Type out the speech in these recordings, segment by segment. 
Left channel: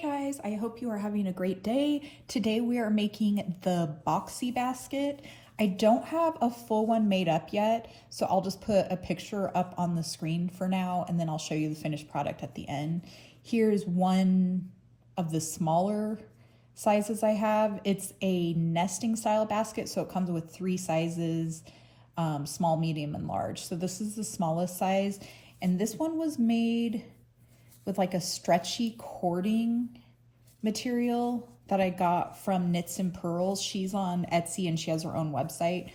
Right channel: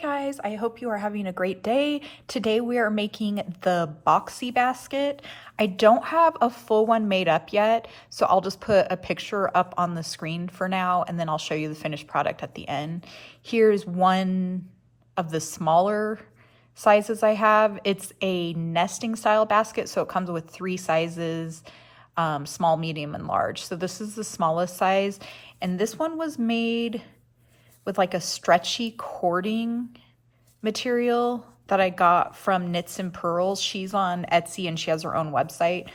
guys, I hope you are having a great day. Today we are making the Boxy Basket. I don't have a full one made up yet, so I'll just put a picture up on the screen for now, and then I'll show you the finished product at the end. Here's one of the smaller sizes I have. It's a nesting style basket, so it comes with 3 sizes, small, medium, and large. So this is the smallest size, and this one was made with like a stretchy cording material that I got from Knits and Pearls. She's on Etsy and she has her own website.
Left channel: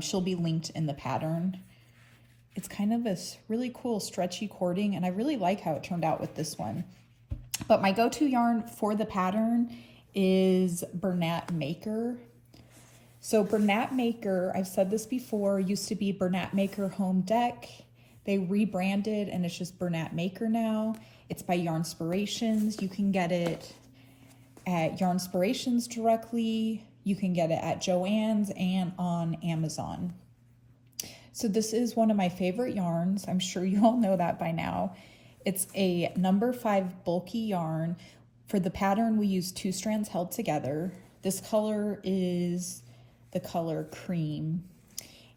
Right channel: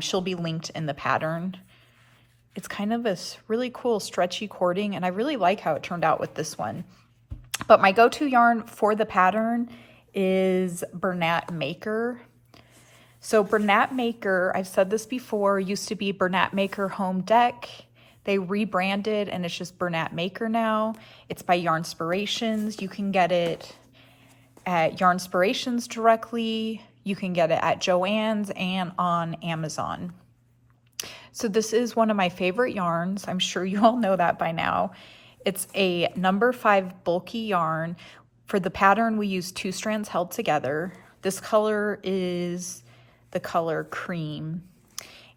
She'll be linked in the pattern. It's kind of a really cool stretchy cording, and I really like how it turned out with this one. But my go-to yarn for the pattern is Bernat Maker. So Bernat Maker, I've said this before, used to be Bernat Maker Home Deck. They rebranded and it's just Bernat Maker now. It's by Yarnspirations. You can get it at Yarnspirations directly. You can get it at Joann's and on Amazon. So this is one of my favorite yarns. I'm sure you all know that by now. It's a number 5 bulky yarn. For the pattern, we use 2 strands held together. This color is the color Cream,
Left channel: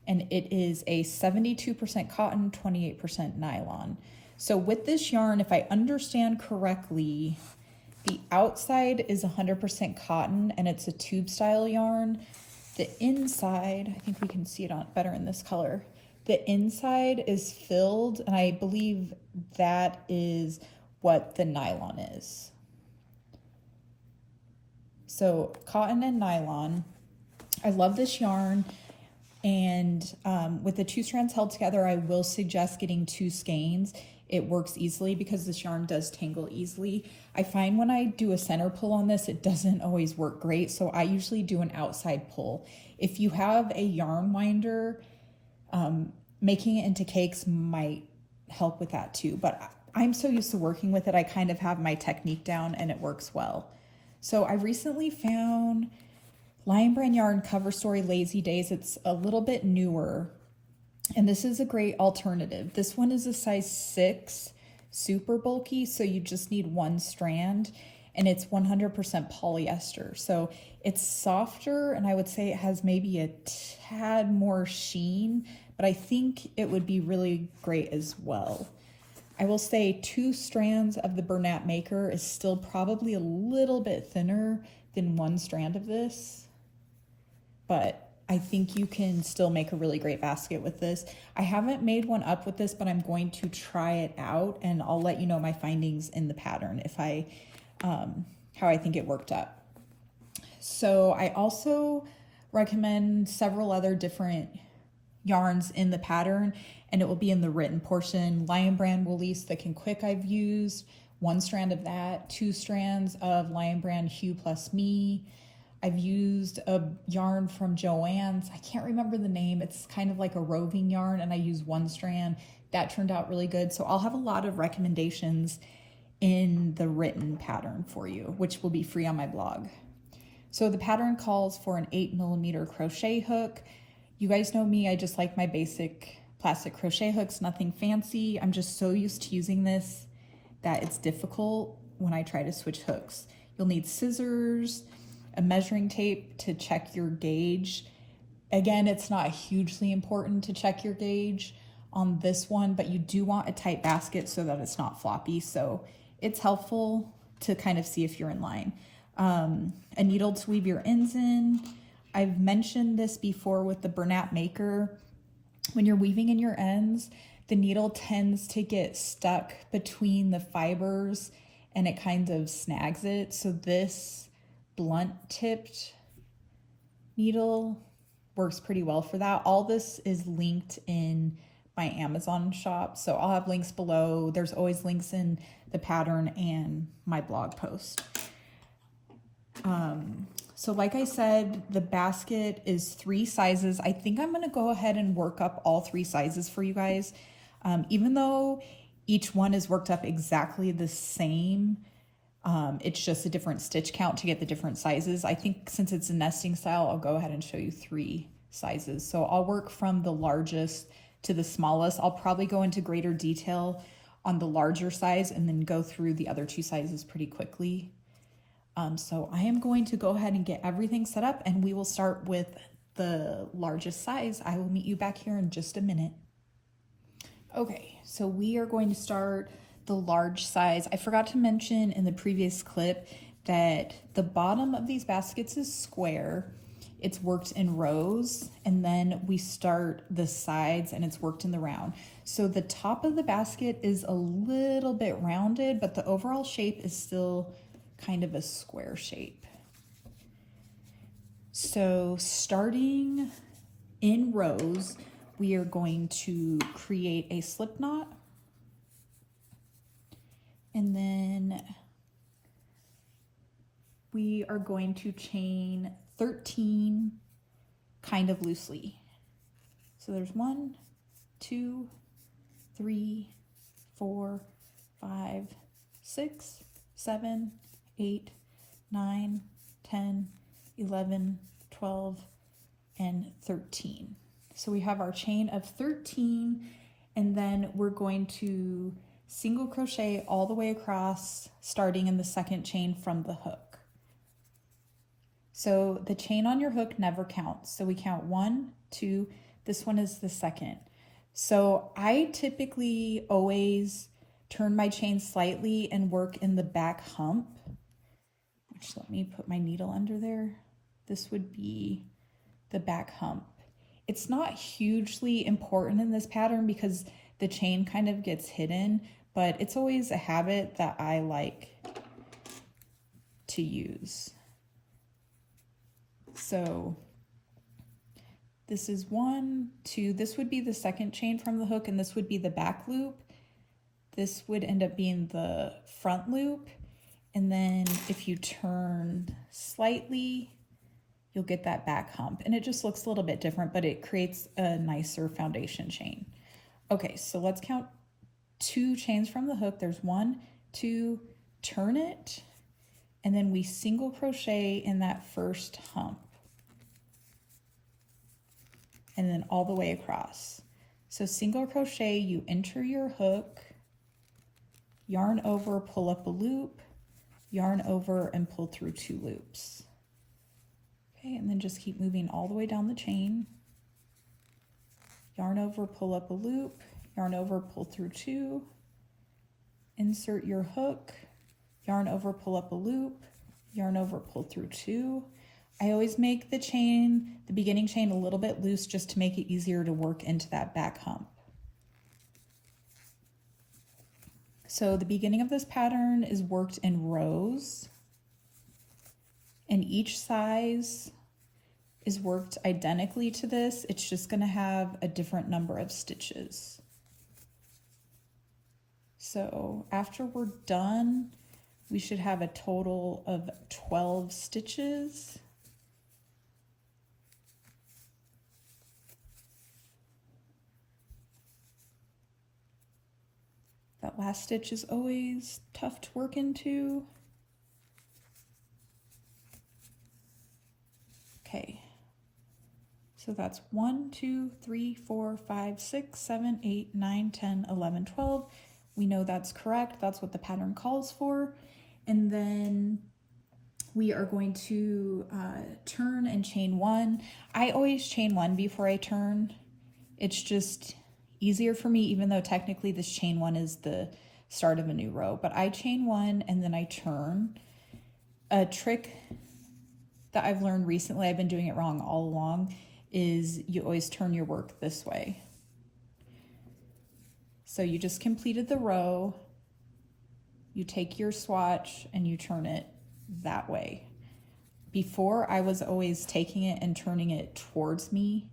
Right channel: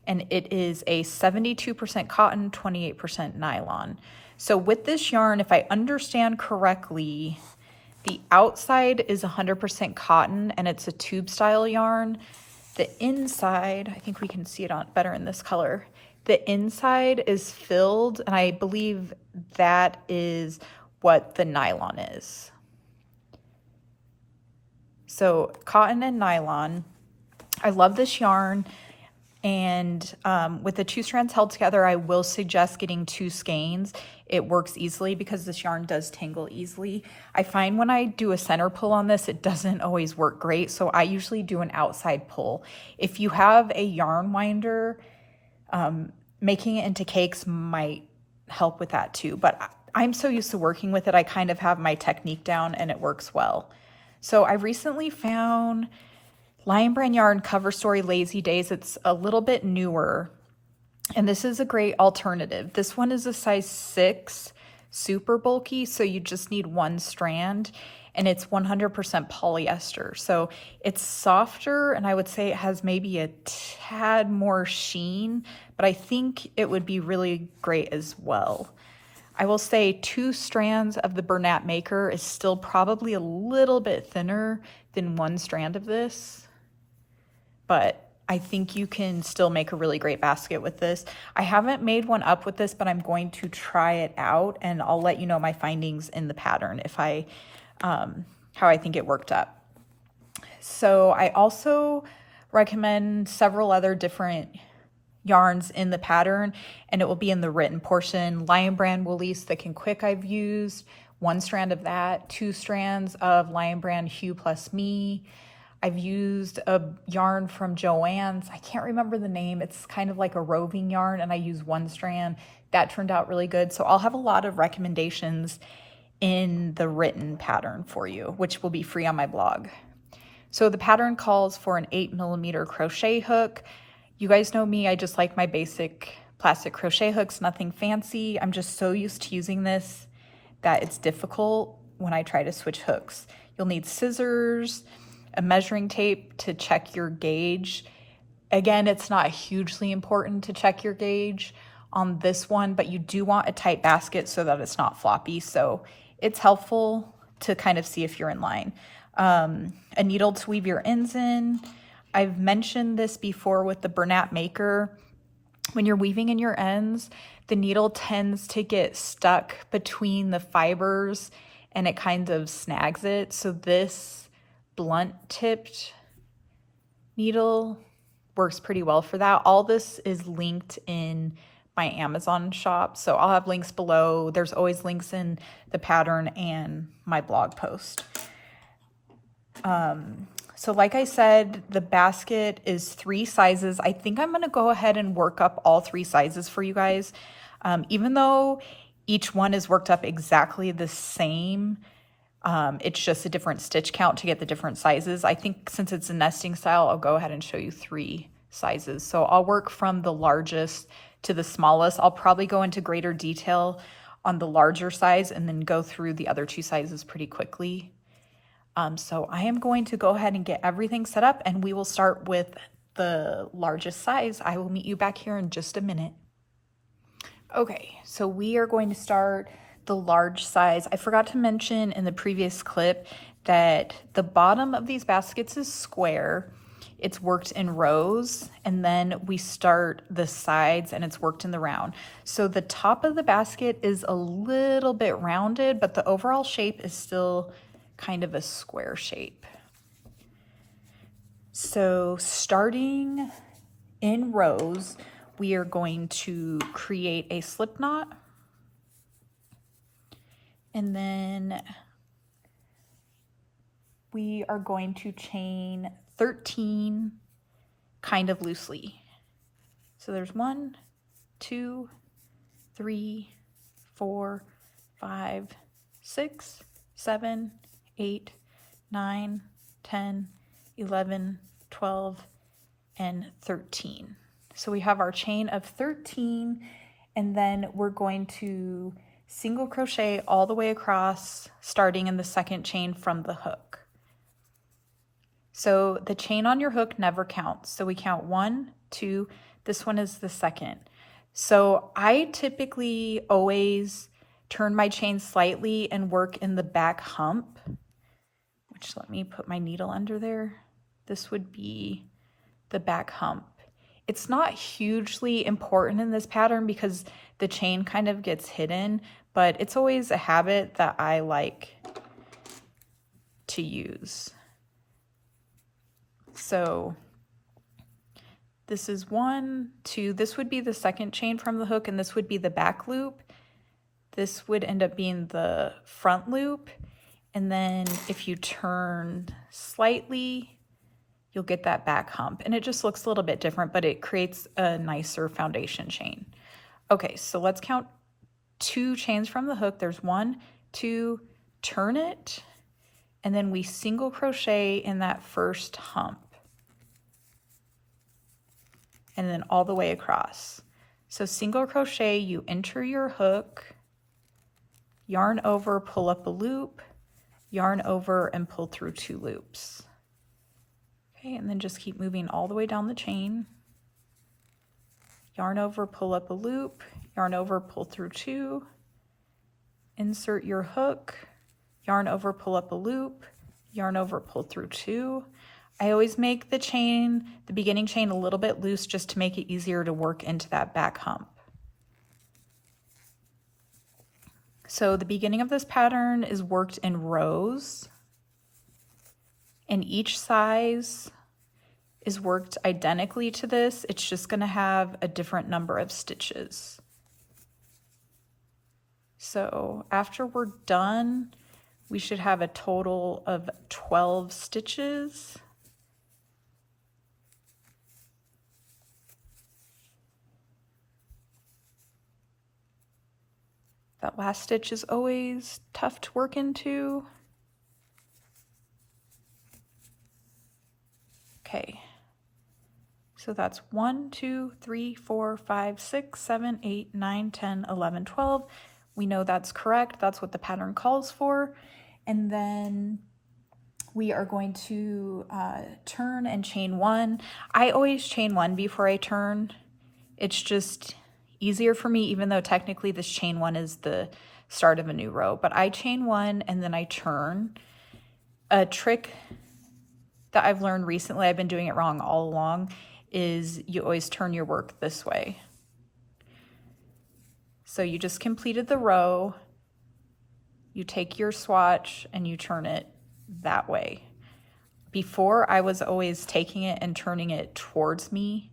and it is a 72% cotton, 28% nylon. So with this yarn, if I understand correctly, the outside is 100% cotton and it's a tube style yarn. The inside, I think we can see it on better in this color. The inside is filled, and I believe that is what the nylon is. So cotton and nylon. I love this yarn. And with the 2 strands held together, I will suggest getting 2 skeins. It works easily because this yarn does tangle easily. I find when I do a center pull on this, it doesn't always work great. So I usually do an outside pull. If you have a yarn winder, making it into cakes might help with that too. But I'm so used to working with it, I kind of have my technique down and it works well. So I recently found Lion Brand Yarn Cover Story Lazy Days. It's a little bit newer, and this is a great alternative. This one is a size 6, super bulky, so you just need 1 strand, and it's 100% polyester. So it's softer, and I would say it has maybe a tad more sheen, but I think it would be really great as well. I will say 2 strands of the Bernat Maker is still probably a little bit thinner than 1 strand of this, but I think you can still make a really great basket with this. I haven't made one up with this, but I'm going to try it out, and I'll let you know my findings in the pattern if I, how I think it worked up. So I also recommend several other different yarns in the pattern, and it will be in the written portion. Lion Brand Woolies Thick and Quick I've used, 1 strand of that, 2 strands of Lion Brand Hue Plus Me. I've used a yarn from Joann's. I can't remember the name. It's kind of like a roving yarn, and I used 1 strand. That turned out really good. So I'll have a lot of recommendations in the written pattern for you, which will be free on my blog. So the pattern calls for an 8mm crochet hook. You guys know me, I just like my basic plastic crochet hooks, nothing fancy. I'm just so used to using this that it's difficult when I try to switch hooks. You'll need scissors, a measuring tape to check your gauge. Again, it's not hugely important to check your gauge on this one, but you do want a tight basket so that it's not floppy. So it's helpful to kind of see if you're in line. A needle to weave your ends in. I've mentioned this before with the Bernat Maker. When you're weaving in your ends, the needle tends to get stuck between the fibers and it kind of snags it. So this blunt tipped needle works pretty well for that. All this is linked in my Amazon shop, so I'll have links below. There's always links in the pattern and my blog post. So like I said, the basket is 3 sizes. I think I'm gonna go ahead and work up all 3 sizes for you guys. Even though each one is worked up exactly the same, it's just a different stitch count to get the different sizes. I think since it's a nesting style, I'll go ahead and show you 3 sizes. So I'll work from the largest to the smallest. I'll probably go into greater detail on the larger size and then go through the other two sizes pretty quickly. So I am going to go ahead and get everything set up, and we will start with the largest size. I will meet you back here in just a minute. Okay, so we are going to start the large size. I forgot to mention in the previous clip that the bottom of these baskets is square. It's worked in rows, and then we start the sides and it's worked in the round. So the top of the basket is a little bit rounded, but the overall shape is still kind of a square shape. So starting in rows, we are going to create a slip knot, and then we are going to chain 13 kind of loosely. So there's 1, 2, 3, 4, 5, 6, 7, 8, 9, 10, 11, 12, and 13. So we have our chain of 13, and then we're going to single crochet all the way across, starting in the second chain from the hook. So the chain on your hook never counts. So we count 1, 2, this one is the second. So I typically always turn my chain slightly and work in the back hump, which, let me put my needle under there. This would be the back hump. It's not hugely important in this pattern because the chain kind of gets hidden, but it's always a habit that I like to use. So this is 1, 2, this would be the second chain from the hook, and this would be the back loop. This would end up being the front loop. And then if you turn slightly, you'll get that back hump. And it just looks a little bit different, but it creates a nicer foundation chain. Okay, so let's count 2 chains from the hook. There's 1, 2, turn it, and then we single crochet in that first hump. And then all the way across. So single crochet, you enter your hook, yarn over, pull up a loop, yarn over, and pull through 2 loops. Okay, and then just keep moving all the way down the chain. Yarn over, pull up a loop, yarn over, pull through 2, insert your hook, yarn over, pull up a loop, yarn over, pull through 2. I always make the chain, the beginning chain, a little bit loose just to make it easier to work into that back hump. So the beginning of this pattern is worked in rows, and each size is worked identically to this. It's just going to have a different number of stitches. So after we're done, we should have a total of 12 stitches. That last stitch is always tough to work into. Okay, so that's 1, 2, 3, 4, 5, 6, 7, 8, 9, 10, 11, 12. We know that's correct. That's what the pattern calls for. And then we are going to turn and chain 1. I always chain 1 before I turn. It's just easier for me, even though technically this chain 1 is the start of a new row, but I chain 1 and then I turn. A trick that I've learned recently, I've been doing it wrong all along, is you always turn your work this way. So you just completed the row, you take your swatch and you turn it that way. Before, I was always taking it and turning it towards me.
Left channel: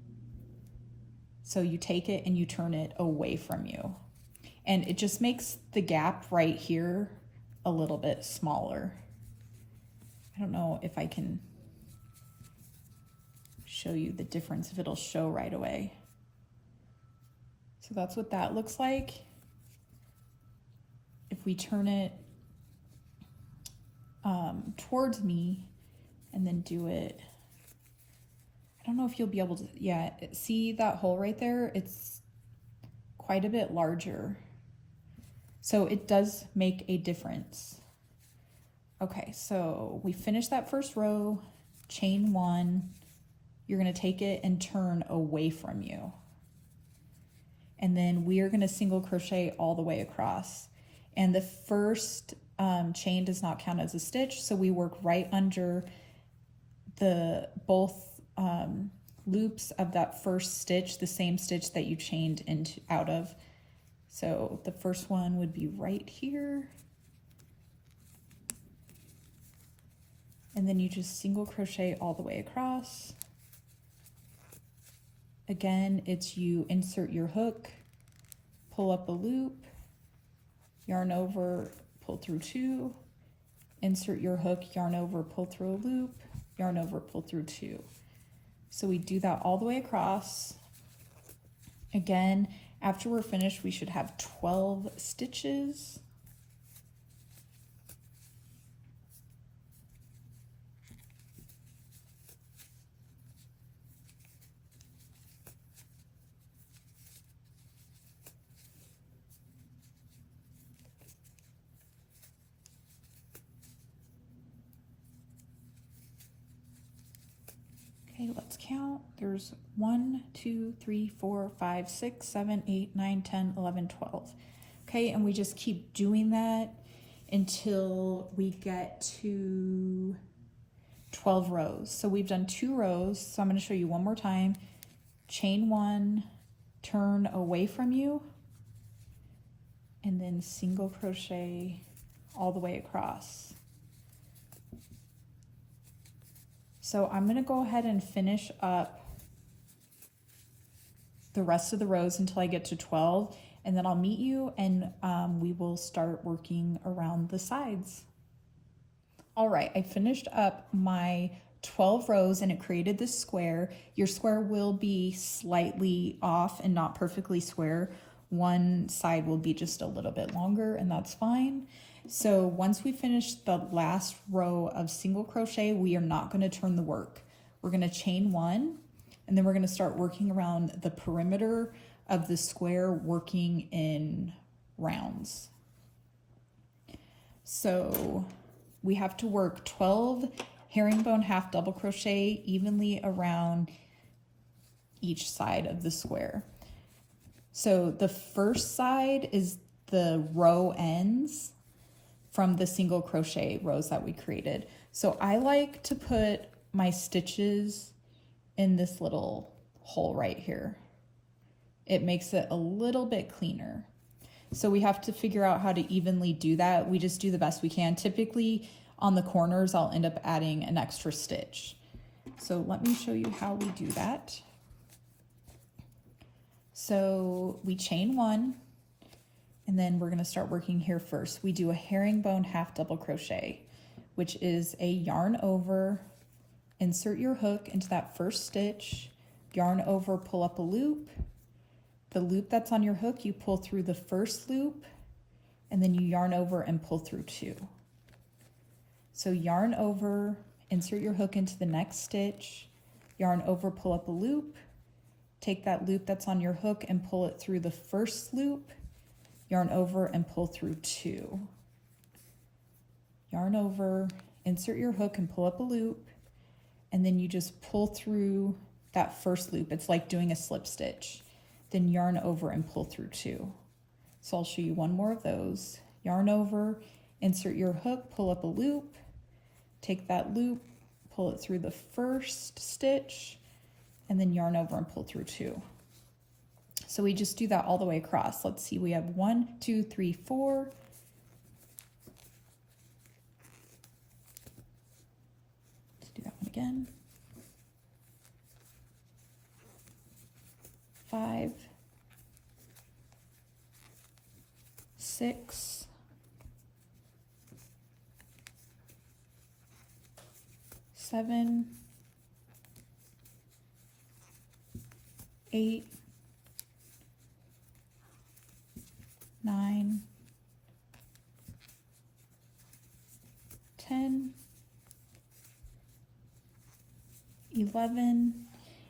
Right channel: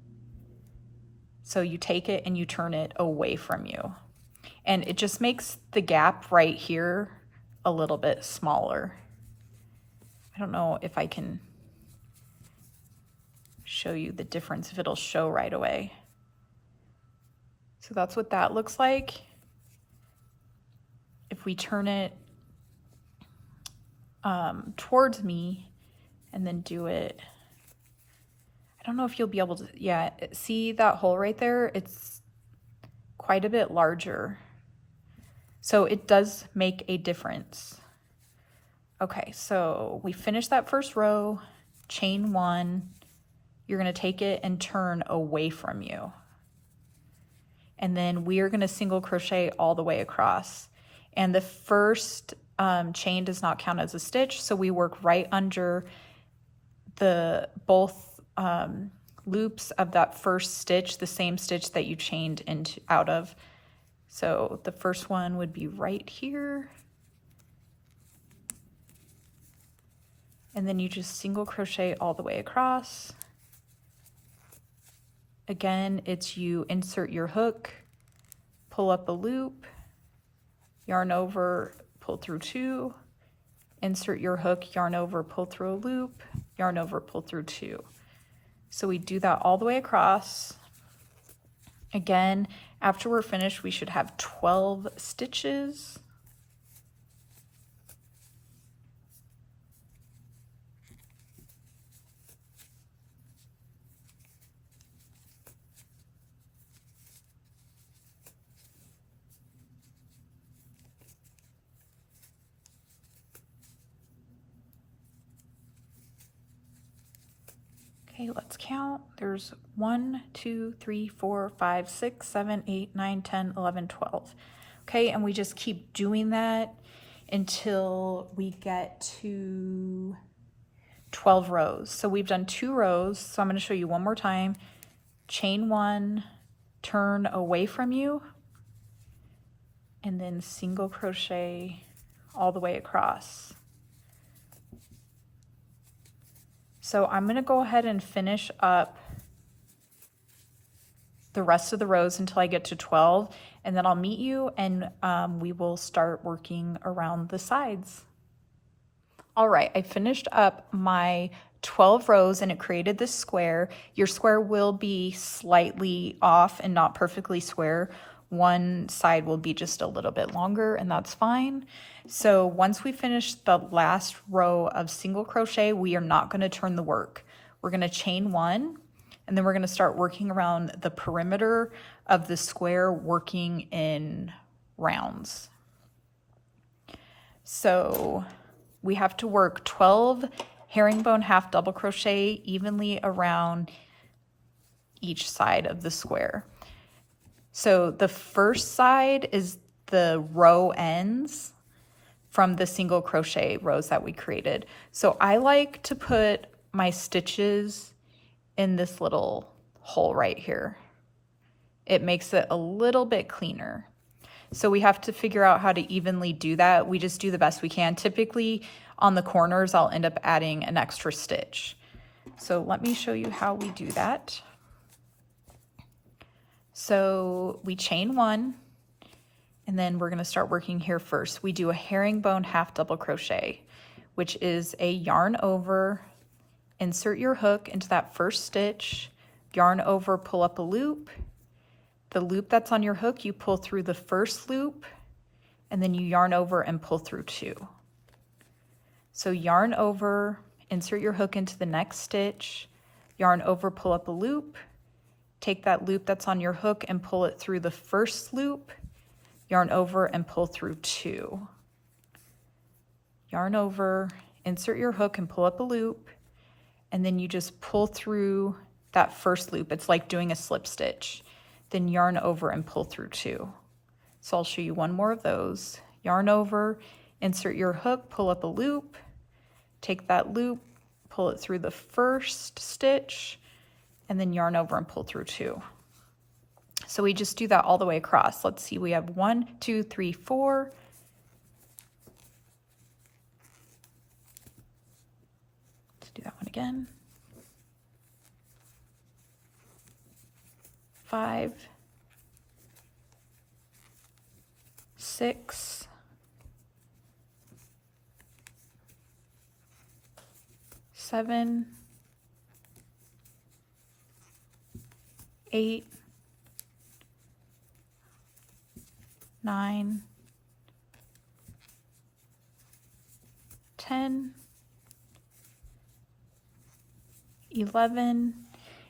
So you take it and you turn it away from you. And it just makes the gap right here a little bit smaller. I don't know if I can show you the difference, if it'll show right away. So that's what that looks like. If we turn it towards me and then do it, I don't know if you'll be able to, yeah, see that hole right there? It's quite a bit larger. So it does make a difference. Okay, so we finished that first row, chain 1. You're going to take it and turn away from you. And then we are going to single crochet all the way across. And the first chain does not count as a stitch, so we work right under the both loops of that first stitch, the same stitch that you chained into out of. So the first one would be right here. And then you just single crochet all the way across. Again, it's you insert your hook, pull up a loop, yarn over, pull through 2, insert your hook, yarn over, pull through a loop, yarn over, pull through 2. So we do that all the way across. Again, after we're finished, we should have 12 stitches. Okay, let's count. There's 1, 2, 3, 4, 5, 6, 7, 8, 9, 10, 11, 12. Okay, and we just keep doing that until we get to 12 rows. So we've done 2 rows. So I'm going to show you one more time. Chain 1, turn away from you, and then single crochet all the way across. So I'm going to go ahead and finish up the rest of the rows until I get to 12, and then I'll meet you and we will start working around the sides. All right, I finished up my 12 rows and it created this square. Your square will be slightly off and not perfectly square. One side will be just a little bit longer, and that's fine. So once we finish the last row of single crochet, we are not going to turn the work. We're going to chain 1, and then we're going to start working around the perimeter of the square, working in rounds. So we have to work 12 herringbone half double crochet evenly around each side of the square. So the first side is the row ends from the single crochet rows that we created. So I like to put my stitches in this little hole right here. It makes it a little bit cleaner. So we have to figure out how to evenly do that. We just do the best we can. Typically on the corners, I'll end up adding an extra stitch. So let me show you how we do that. So we chain 1, and then we're going to start working here first. We do a herringbone half double crochet, which is a yarn over, insert your hook into that first stitch, yarn over, pull up a loop. The loop that's on your hook, you pull through the first loop, and then you yarn over and pull through 2. So yarn over, insert your hook into the next stitch, yarn over, pull up a loop, take that loop that's on your hook and pull it through the first loop, yarn over and pull through 2. Yarn over, insert your hook and pull up a loop, and then you just pull through that first loop. It's like doing a slip stitch. Then yarn over and pull through 2. So I'll show you one more of those. Yarn over, insert your hook, pull up a loop, take that loop, pull it through the first stitch, and then yarn over and pull through 2. So we just do that all the way across. Let's see, we have 1, 2, 3, 4. Let's do that one again. 5, 6, 7, 8, 9, 10, 11,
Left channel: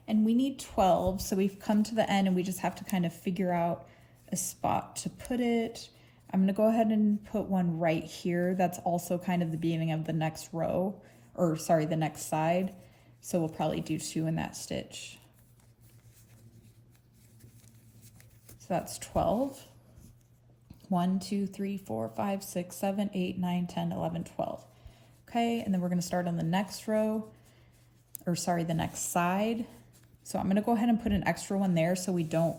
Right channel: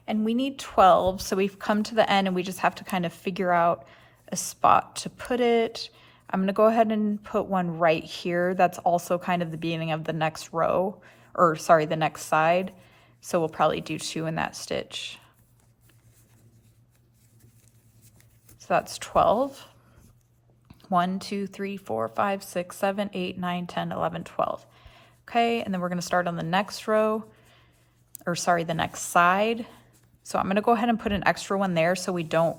and we need 12. So we've come to the end and we just have to kind of figure out a spot to put it. I'm gonna go ahead and put one right here. That's also kind of the beginning of the next row, or sorry, the next side. So we'll probably do 2 in that stitch. So that's 12. 1, 2, 3, 4, 5, 6, 7, 8, 9, 10, 11, 12. Okay, and then we're gonna start on the next row, or sorry, the next side. So I'm gonna go ahead and put an extra one there so we don't,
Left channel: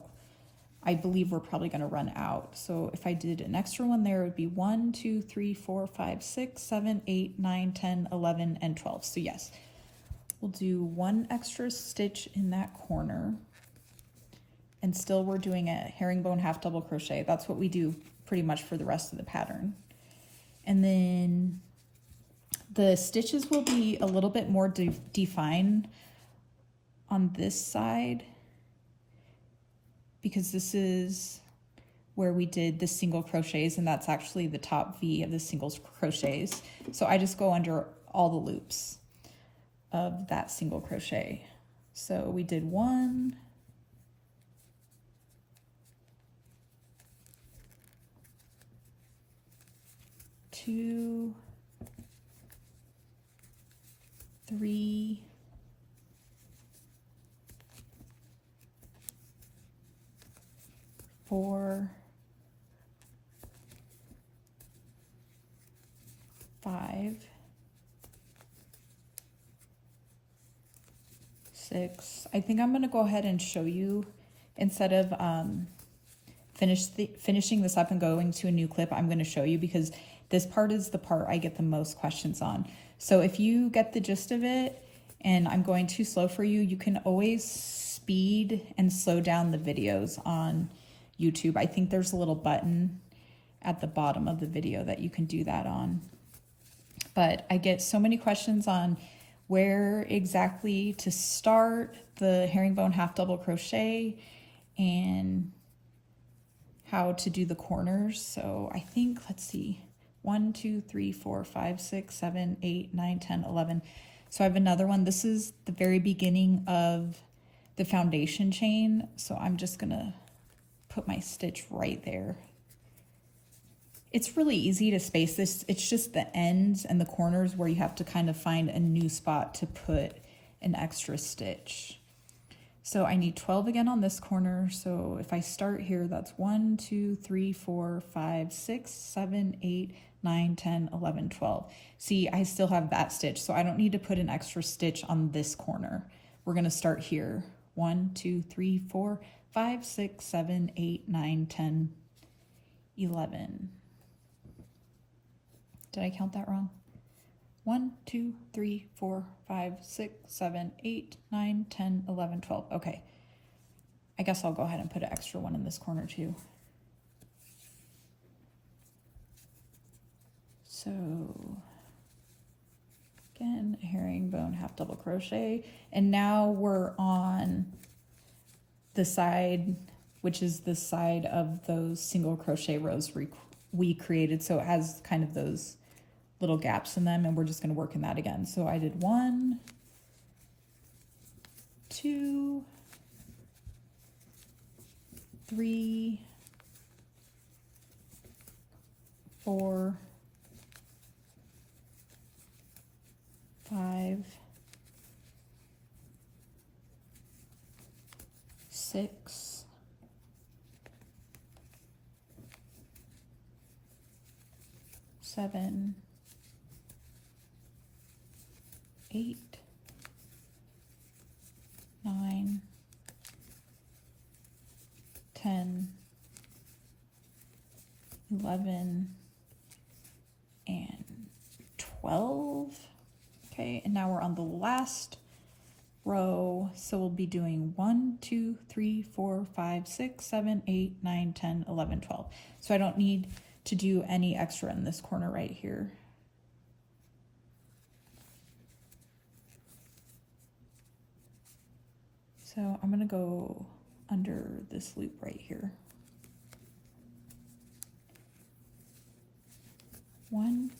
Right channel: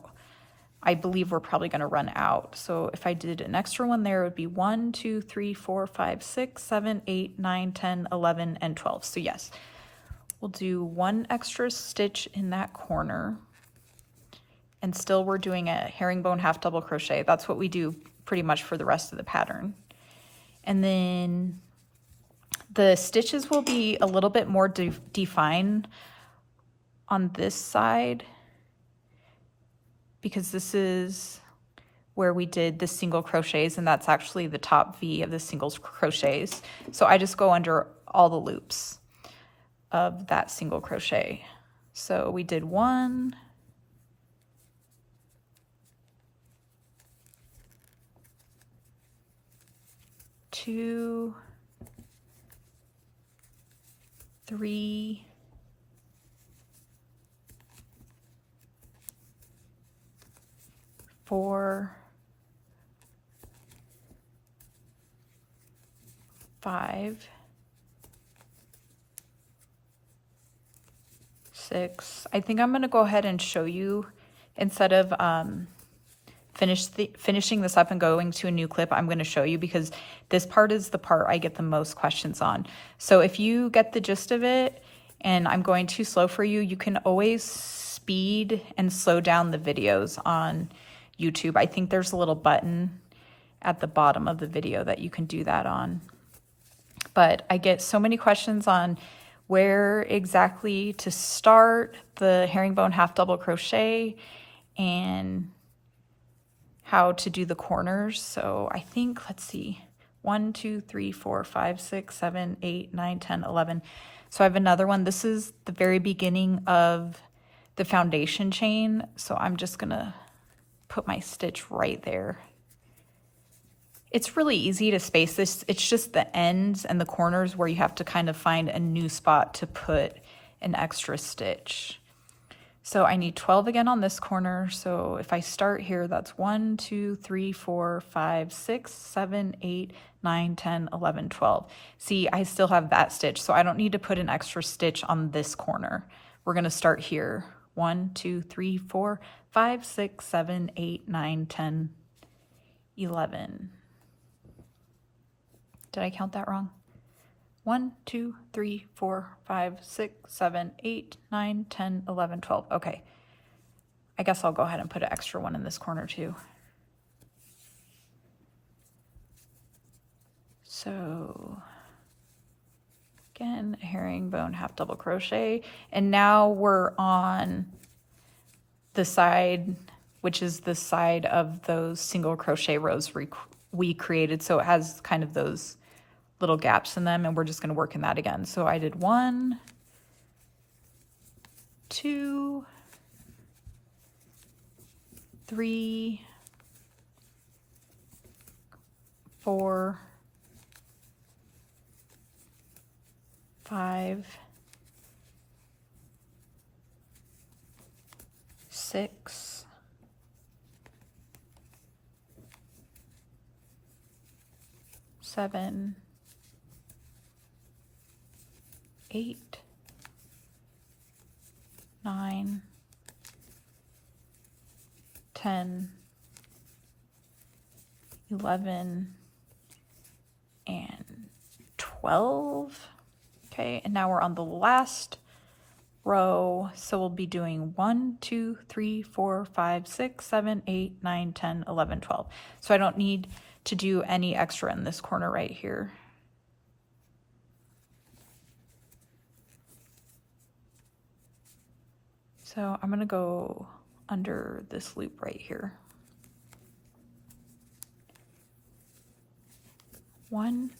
I believe we're probably gonna run out. So if I did an extra one there, it would be 1, 2, 3, 4, 5, 6, 7, 8, 9, 10, 11, and 12. So yes, we'll do 1 extra stitch in that corner. And still we're doing a herringbone half double crochet. That's what we do pretty much for the rest of the pattern. And then the stitches will be a little bit more defined on this side, because this is where we did the single crochets, and that's actually the top V of the single crochets. So I just go under all the loops of that single crochet. So we did 1, 2, 3, 4, 5, 6. I think I'm going to go ahead and show you, instead of finishing this up and going to a new clip, I'm going to show you, because this part is the part I get the most questions on. So if you get the gist of it and I'm going too slow for you, you can always speed and slow down the videos on YouTube. I think there's a little button at the bottom of the video that you can do that on. But I get so many questions on where exactly to start the herringbone half double crochet and how to do the corners. So I think, let's see, 1, 2, 3, 4, 5, 6, 7, 8, 9, 10, 11. So I have another one. This is the very beginning of the foundation chain. So I'm just gonna put my stitch right there. It's really easy to space this. It's just the ends and the corners where you have to kind of find a new spot to put an extra stitch. So I need 12 again on this corner. So if I start here, that's 1, 2, 3, 4, 5, 6, 7, 8, 9, 10, 11, 12. See, I still have that stitch, so I don't need to put an extra stitch on this corner. We're gonna start here. 1, 2, 3, 4, 5, 6, 7, 8, 9, 10, 11. Did I count that wrong? 1, 2, 3, 4, 5, 6, 7, 8, 9, 10, 11, 12. Okay. I guess I'll go ahead and put an extra one in this corner too. So again, a herringbone half double crochet. And now we're on the side, which is the side of those single crochet rows we created. So it has kind of those little gaps in them, and we're just going to work in that again. So I did 1, 2, 3, 4, 5, 6, 7, 8, 9, 10, 11, and 12. Okay, and now we're on the last row. So we'll be doing 1, 2, 3, 4, 5, 6, 7, 8, 9, 10, 11, 12. So I don't need to do any extra in this corner right here. So I'm gonna go under this loop right here. 1,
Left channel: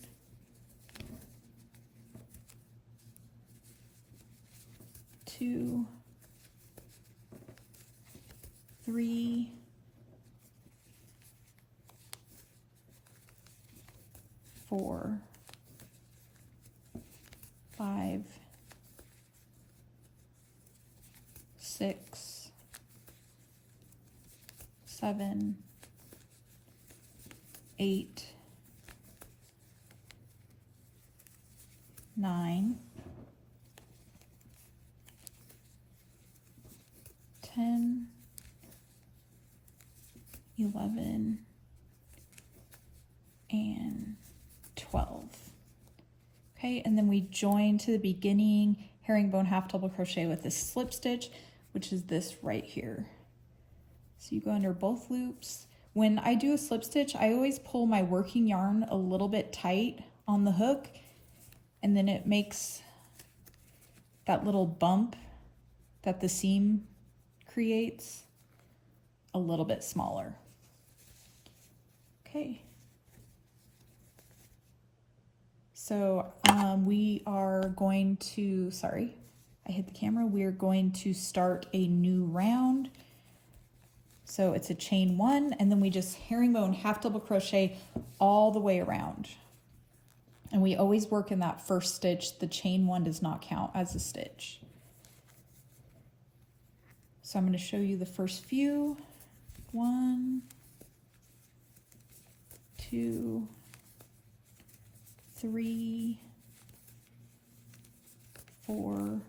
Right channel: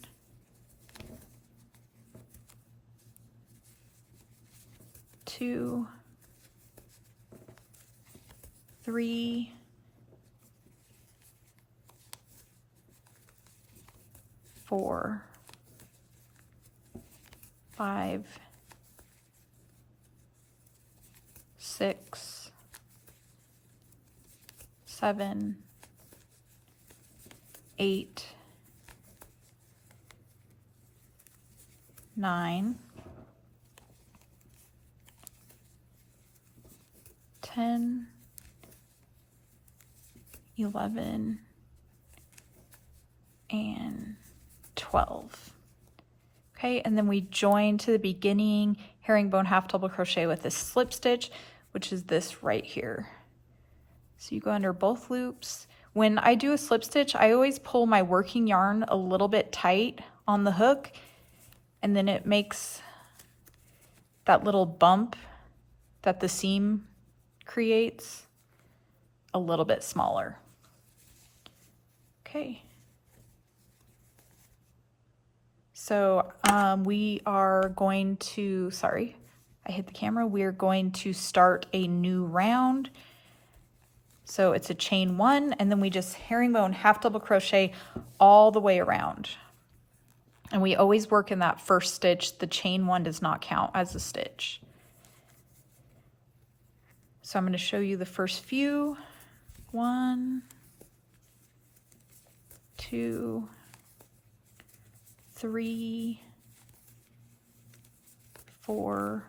2, 3, 4, 5, 6, 7, 8, 9, 10, 11, and 12. Okay, and then we join to the beginning herringbone half double crochet with this slip stitch, which is this right here. So you go under both loops. When I do a slip stitch, I always pull my working yarn a little bit tight on the hook, and then it makes that little bump that the seam creates a little bit smaller. Okay. So we are going to, sorry, I hit the camera. We're going to start a new round. So it's a chain 1, and then we just herringbone half double crochet all the way around. And we always work in that first stitch. The chain 1 does not count as a stitch. So I'm going to show you the first few. 1, 2, 3, 4,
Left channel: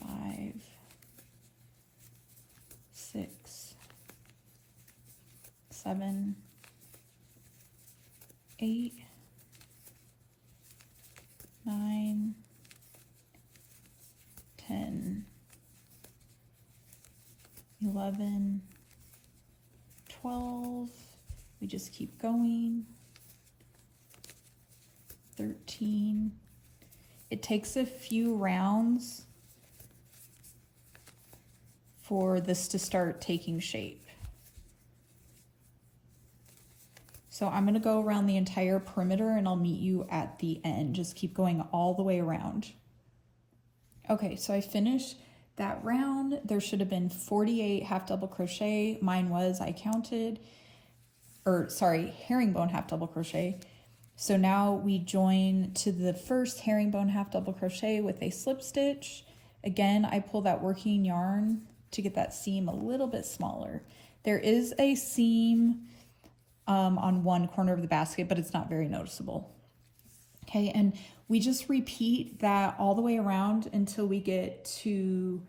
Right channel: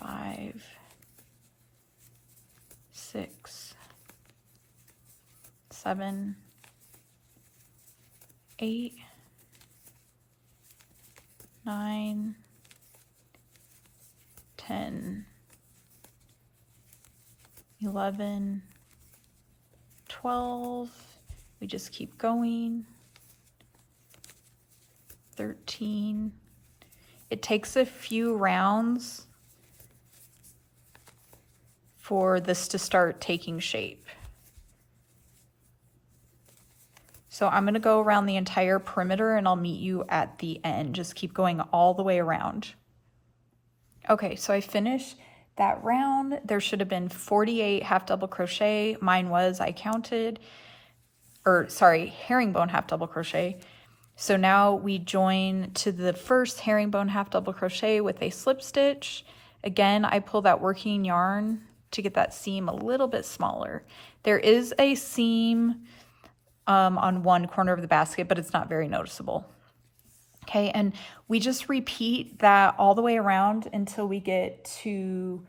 5, 6, 7, 8, 9, 10, 11, 12. We just keep going. 13. It takes a few rounds for this to start taking shape. So I'm going to go around the entire perimeter and I'll meet you at the end. Just keep going all the way around. Okay, so I finished that round. There should have been 48 half double crochet. Mine was, I counted, or sorry, herringbone half double crochet. So now we join to the first herringbone half double crochet with a slip stitch. Again, I pull that working yarn to get that seam a little bit smaller. There is a seam on one corner of the basket, but it's not very noticeable. Okay, and we just repeat that all the way around until we get to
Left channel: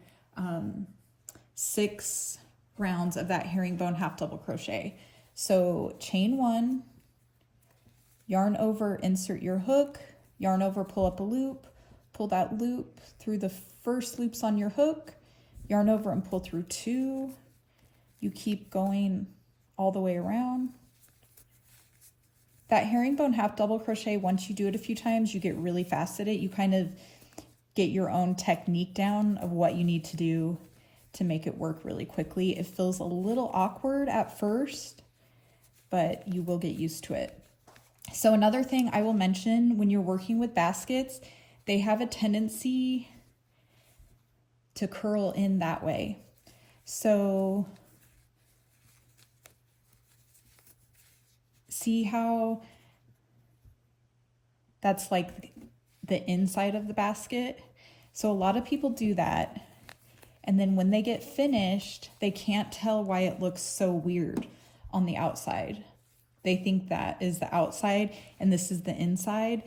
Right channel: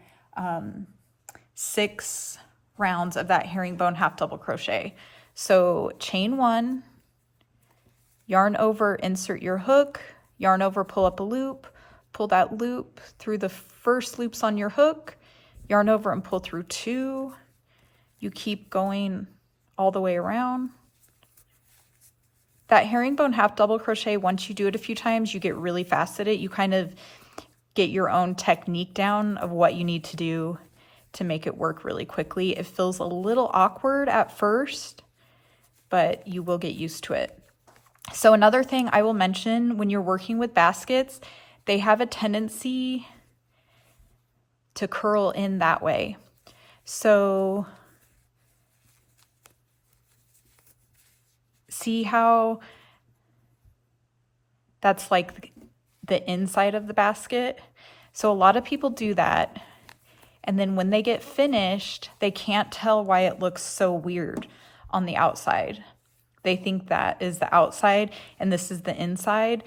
6 rounds of that herringbone half double crochet. So chain 1, yarn over, insert your hook, yarn over, pull up a loop, pull that loop through the first loops on your hook, yarn over and pull through 2. You keep going all the way around. That herringbone half double crochet, once you do it a few times, you get really fast at it. You kind of get your own technique down of what you need to do to make it work really quickly. It feels a little awkward at first, but you will get used to it. So another thing I will mention, when you're working with baskets, they have a tendency to curl in that way. So see how that's like the inside of the basket? So a lot of people do that, and then when they get finished, they can't tell why it looks so weird on the outside. They think that is the outside and this is the inside.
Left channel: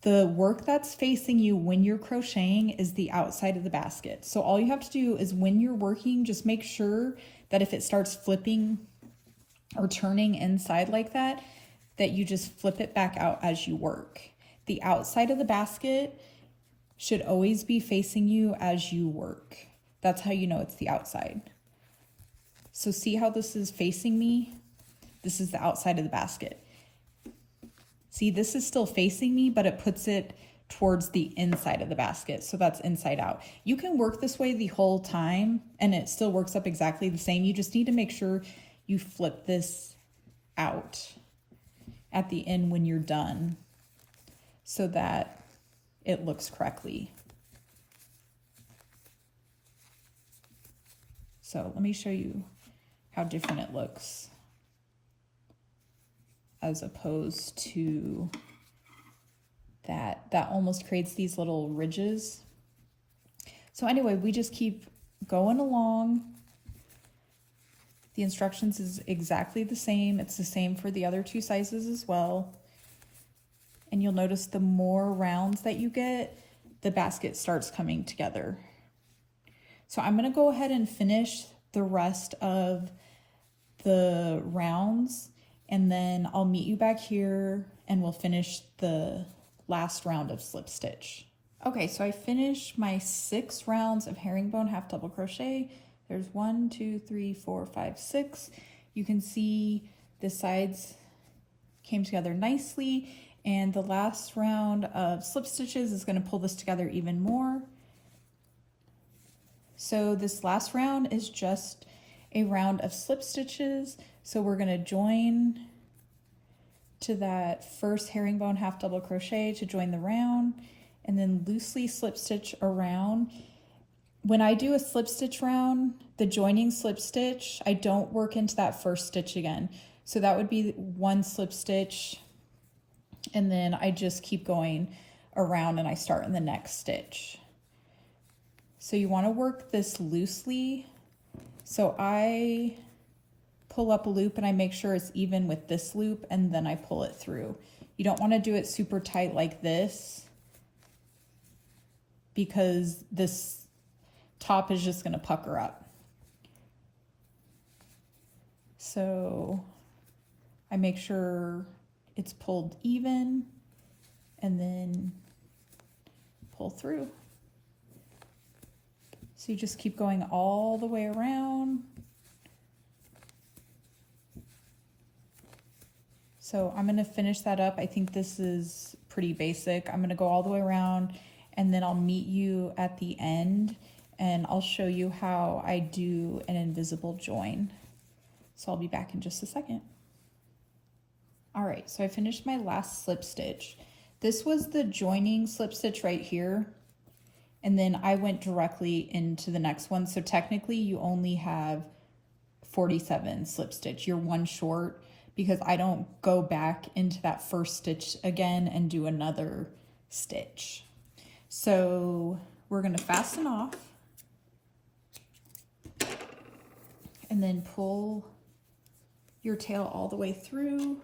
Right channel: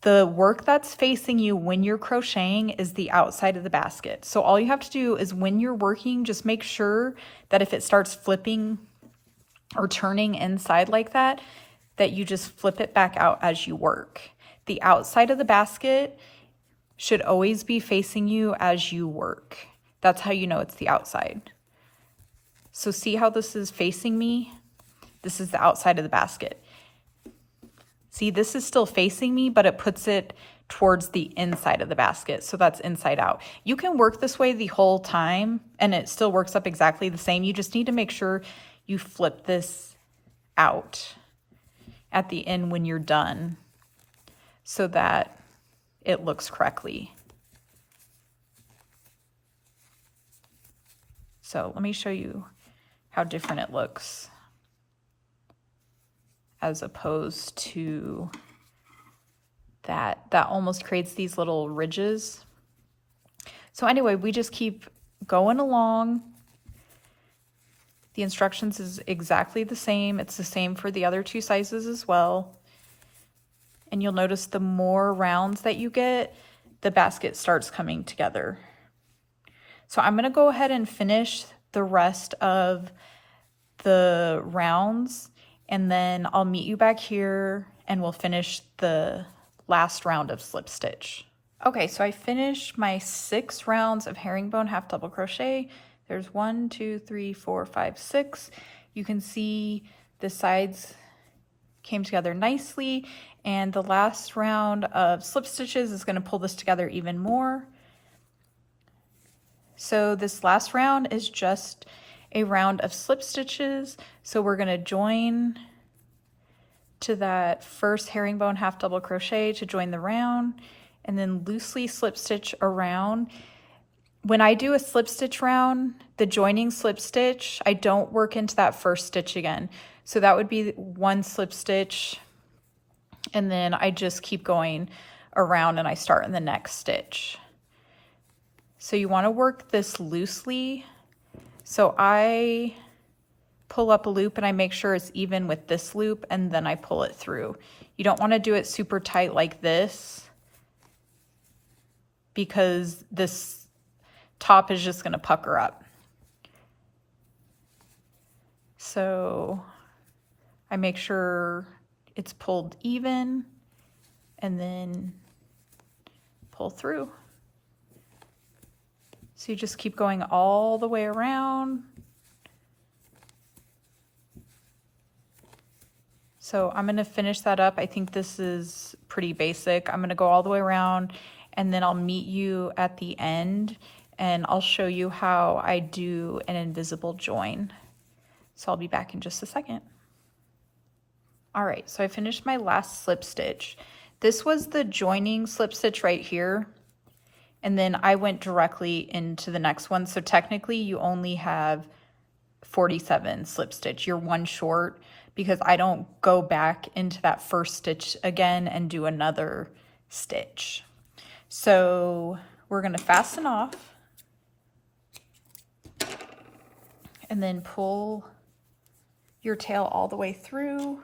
The work that's facing you when you're crocheting is the outside of the basket. So all you have to do is when you're working, just make sure that if it starts flipping or turning inside like that, that you just flip it back out as you work. The outside of the basket should always be facing you as you work. That's how you know it's the outside. So see how this is facing me? This is the outside of the basket. See, this is still facing me, but it puts it towards the inside of the basket. So that's inside out. You can work this way the whole time and it still works up exactly the same. You just need to make sure you flip this out at the end when you're done so that it looks correctly. So let me show you how different it looks. as opposed to that. That almost creates these little ridges. So anyway, we just keep going along. The instructions is exactly the same. It's the same for the other two sizes as well. And you'll notice the more rounds that you get, the basket starts coming together. So I'm gonna go ahead and finish the rest of the rounds, and then I'll meet you back here and we'll finish the last round of slip stitch. Okay, so I finished my 6 rounds of herringbone half double crochet. There's 1, 2, 3, 4, 5, 6. You can see the sides came together nicely, and the last round of slip stitches is going to pull this together even more. So this last round is just a round of slip stitches. So we're going to join to that first herringbone half double crochet to join the round, and then loosely slip stitch around. When I do a slip stitch round, the joining slip stitch, I don't work into that first stitch again. So that would be 1 slip stitch, and then I just keep going around and I start in the next stitch. So you want to work this loosely. So I pull up a loop and I make sure it's even with this loop, and then I pull it through. You don't want to do it super tight like this, because this top is just going to pucker up. So I make sure it's pulled even and then pull through. So you just keep going all the way around. So I'm going to finish that up. I think this is pretty basic. I'm going to go all the way around, and then I'll meet you at the end and I'll show you how I do an invisible join. So I'll be back in just a second. All right, so I finished my last slip stitch. This was the joining slip stitch right here, and then I went directly into the next one. So technically you only have 47 slip stitch. You're 1 short, because I don't go back into that first stitch again and do another stitch. So we're gonna fasten off and then pull your tail all the way through.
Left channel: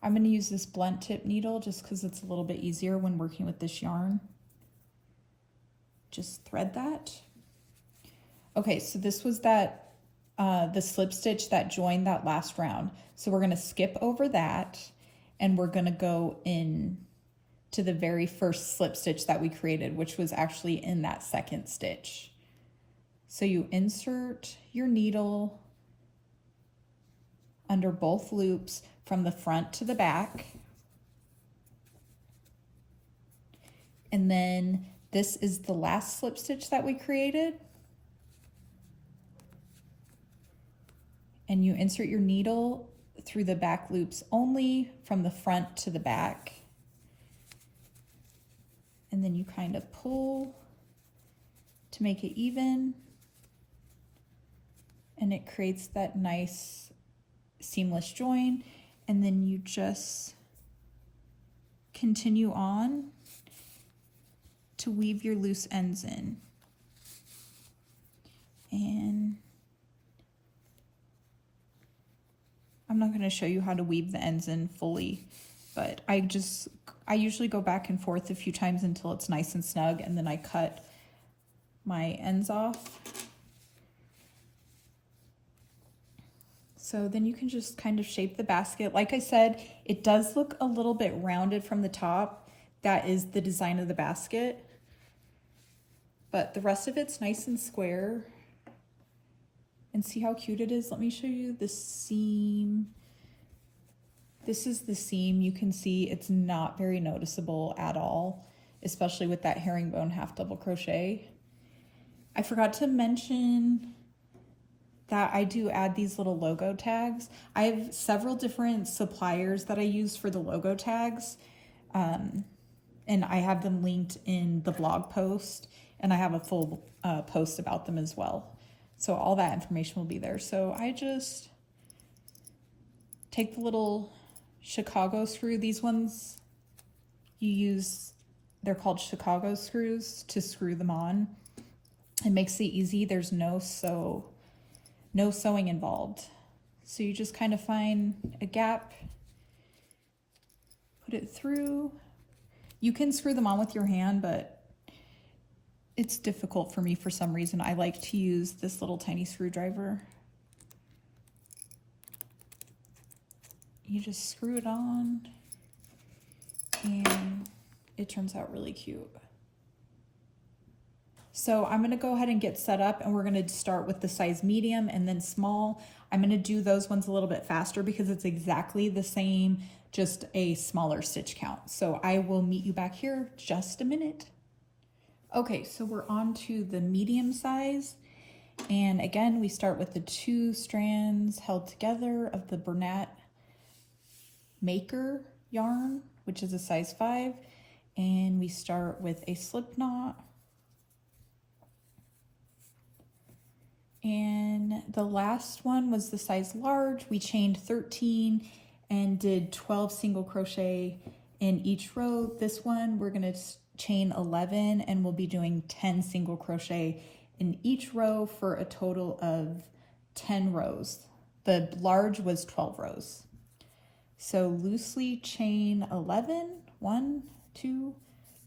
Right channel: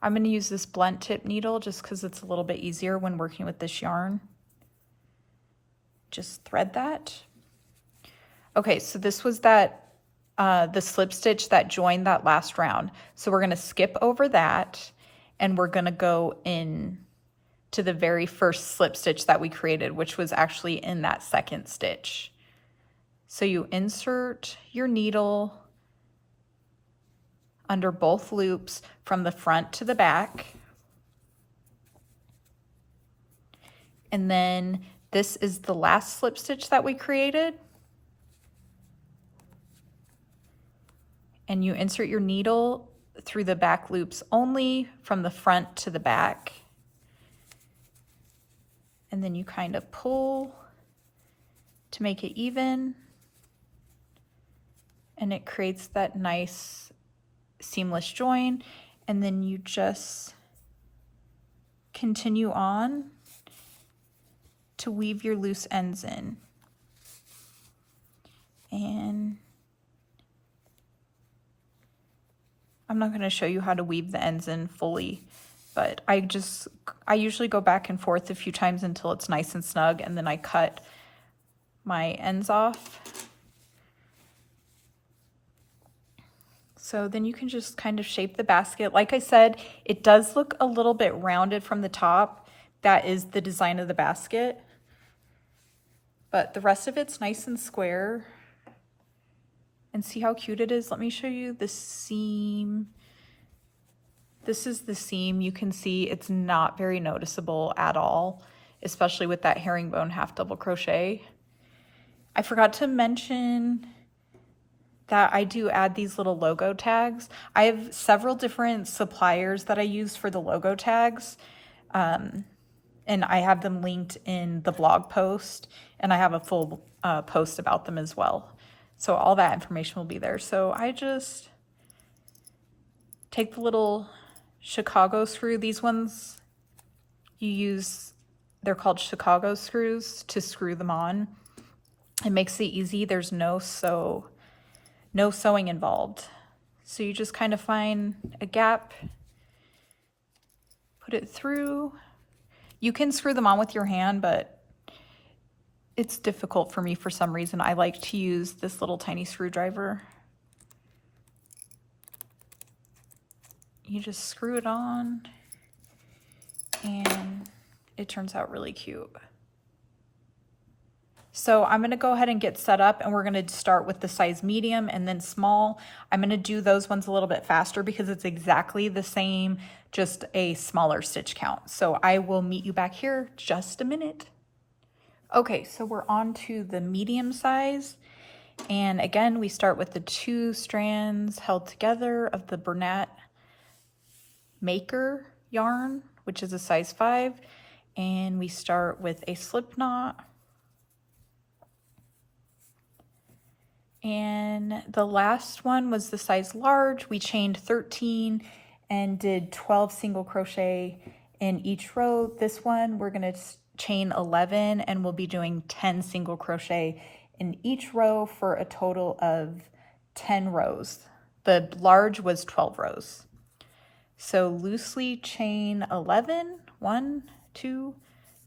I'm gonna use this blunt tip needle just because it's a little bit easier when working with this yarn. Just thread that. Okay, so this was that the slip stitch that joined that last round. So we're gonna skip over that, and we're gonna go in to the very first slip stitch that we created, which was actually in that second stitch. So you insert your needle under both loops from the front to the back. And then this is the last slip stitch that we created. And you insert your needle through the back loops only from the front to the back. And then you kind of pull to make it even. And it creates that nice seamless join. And then you just continue on to weave your loose ends in. And I'm not going to show you how to weave the ends in fully, but I usually go back and forth a few times until it's nice and snug, and then I cut my ends off. So then you can just kind of shape the basket. Like I said, it does look a little bit rounded from the top. That is the design of the basket, but the rest of it's nice and square. And see how cute it is? Let me show you the seam. This is the seam. You can see it's not very noticeable at all, especially with that herringbone half double crochet. I forgot to mention that I do add these little logo tags. I have several different suppliers that I use for the logo tags, and I have them linked in the blog post, and I have a full post about them as well. So all that information will be there. So I just take the little Chicago screw. These ones you use, they're called Chicago screws to screw them on. It makes it easy. There's no sewing involved. So you just kind of find a gap, put it through. You can screw them on with your hand, but it's difficult for me for some reason. I like to use this little tiny screwdriver. You just screw it on and it turns out really cute. So I'm gonna go ahead and get set up, and we're gonna start with the size medium and then small. I'm gonna do those ones a little bit faster because it's exactly the same, just a smaller stitch count. So I will meet you back here just a minute. Okay, so we're on to the medium size. And again, we start with the 2 strands held together of the Bernat Maker yarn, which is a size 5. And we start with a slip knot. And the last one was the size large. We chained 13 and did 12 single crochet in each row. This one we're going to chain 11 and we'll be doing 10 single crochet in each row for a total of 10 rows. The large was 12 rows. So loosely chain 11, 1, 2,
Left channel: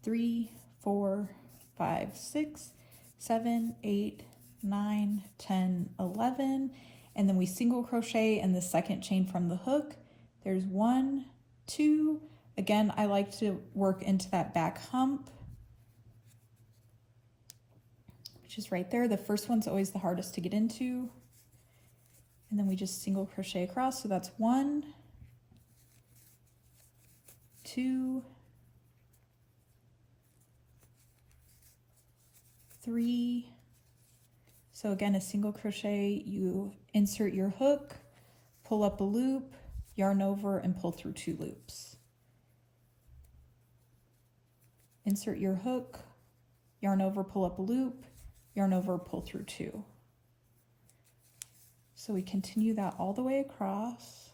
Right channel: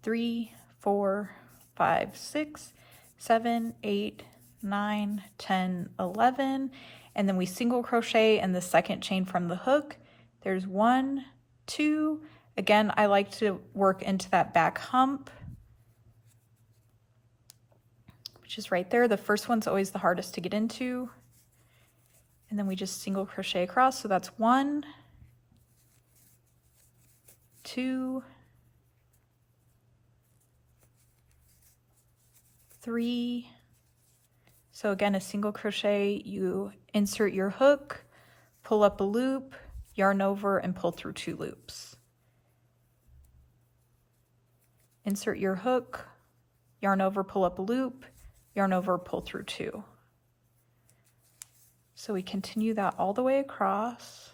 3, 4, 5, 6, 7, 8, 9, 10, 11, and then we single crochet in the second chain from the hook. There's 1, 2. Again, I like to work into that back hump, which is right there. The first one's always the hardest to get into. And then we just single crochet across. So that's 1, 2, 3. So again, a single crochet, you insert your hook, pull up a loop, yarn over, and pull through 2 loops. Insert your hook, yarn over, pull up a loop, yarn over, pull through 2. So we continue that all the way across.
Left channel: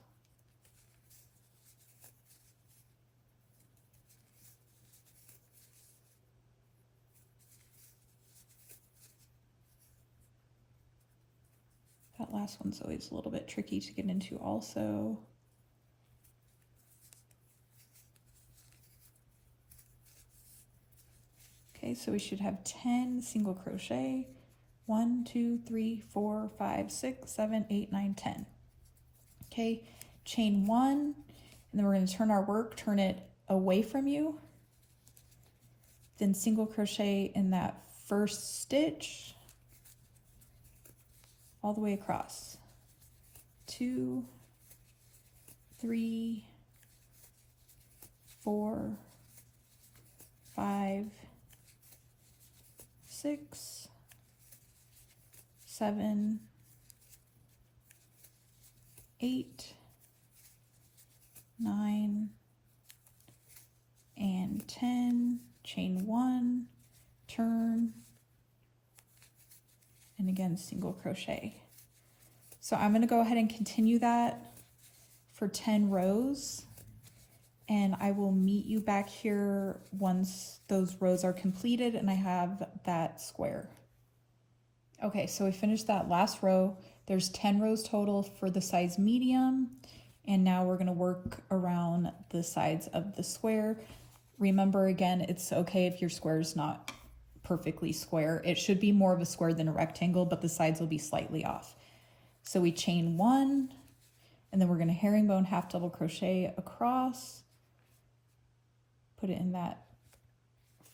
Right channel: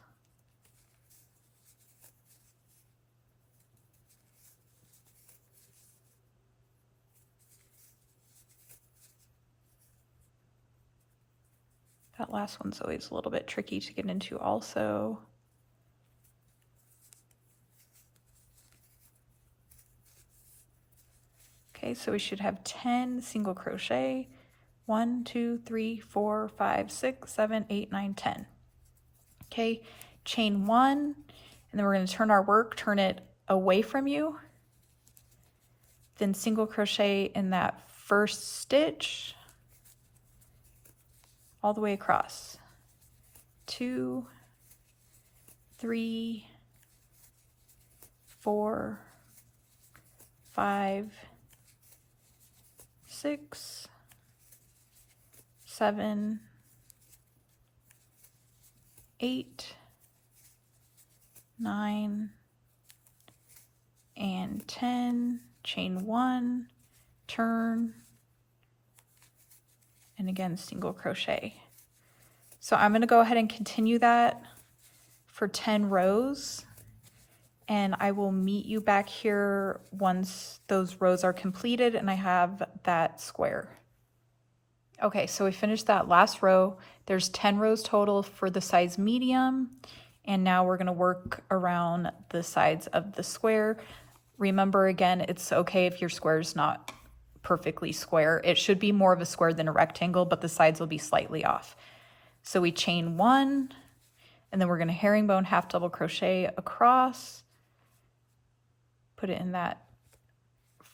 That last one's always a little bit tricky to get into also. Okay, so we should have 10 single crochet. 1, 2, 3, 4, 5, 6, 7, 8, 9, 10. Okay, chain 1, and then we're going to turn our work, turn it away from you. Then single crochet in that first stitch all the way across. 2, 3, 4, 5, 6, 7, 8, 9, and 10. Chain 1, turn, and again single crochet. So I'm going to go ahead and continue that for 10 rows, and I will meet you back here once those rows are completed and I have that square. Okay, so we finished that last row. There's 10 rows total for the size medium, and now we're going to work around the sides of the square. Remember, again, it's okay if your square is not perfectly square. It should be more of a square than a rectangle, but the sides will be slightly off. So we chain 1, and then we're going to herringbone half double crochet across, put it in that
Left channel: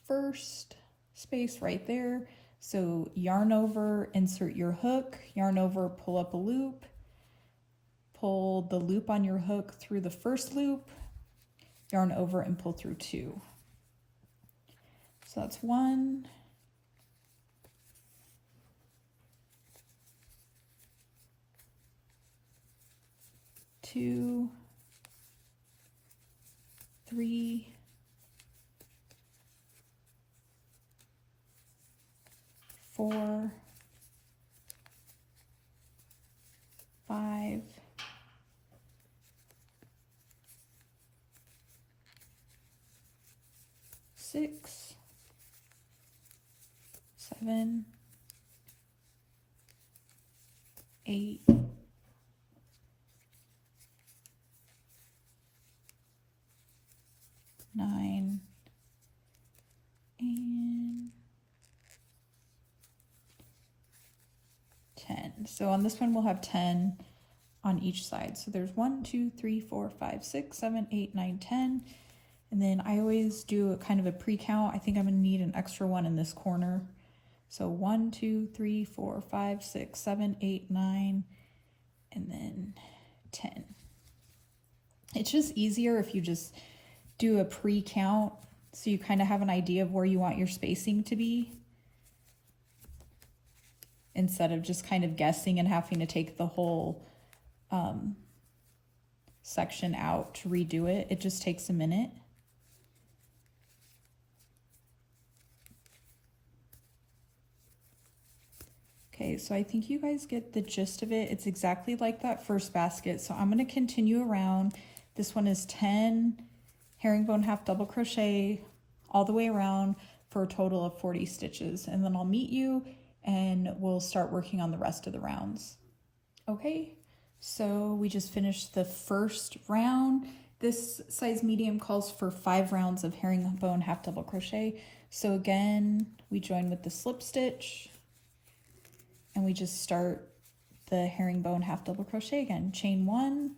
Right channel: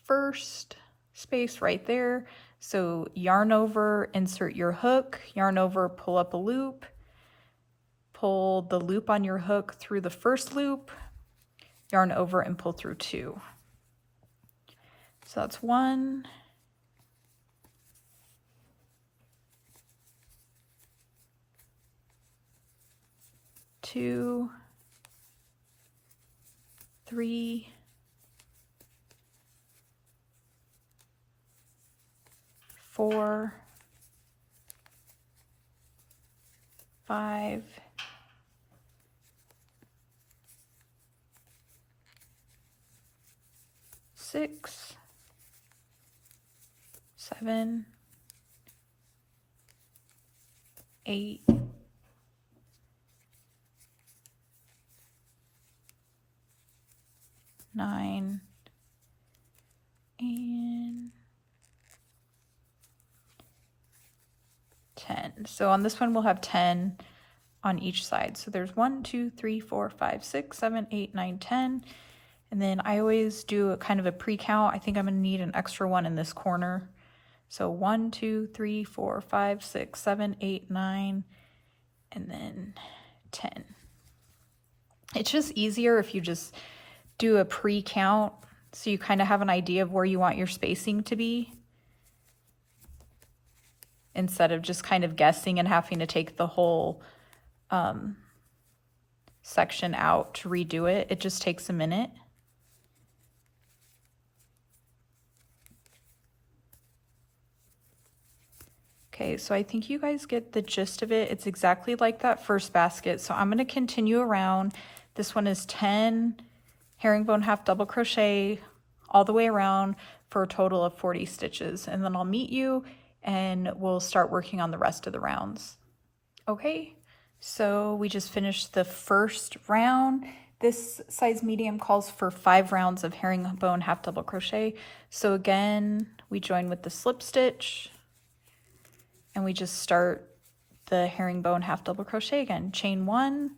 first space right there. So yarn over, insert your hook, yarn over, pull up a loop, pull the loop on your hook through the first loop, yarn over, and pull through 2. So that's 1, 2, 3, 4, 5, 6, 7, 8, 9, and 10. So on this one, we'll have 10 on each side. So there's 1, 2, 3, 4, 5, 6, 7, 8, 9, 10. And then I always do a kind of a pre-count. I think I'm going to need an extra one in this corner. So 1, 2, 3, 4, 5, 6, 7, 8, 9, and then 10. It's just easier if you just do a pre-count so you kind of have an idea of where you want your spacing to be, instead of just kind of guessing and having to take the whole section out to redo it. It just takes a minute. Okay, so I think you guys get the gist of it. It's exactly like that first basket. So I'm going to continue around. This one is 10 herringbone half double crochet all the way around for a total of 40 stitches. And then I'll meet you and we'll start working on the rest of the rounds. Okay, so we just finished the first round. This size medium calls for 5 rounds of herringbone half double crochet. So again, we join with the slip stitch and we just start the herringbone half double crochet again. Chain 1,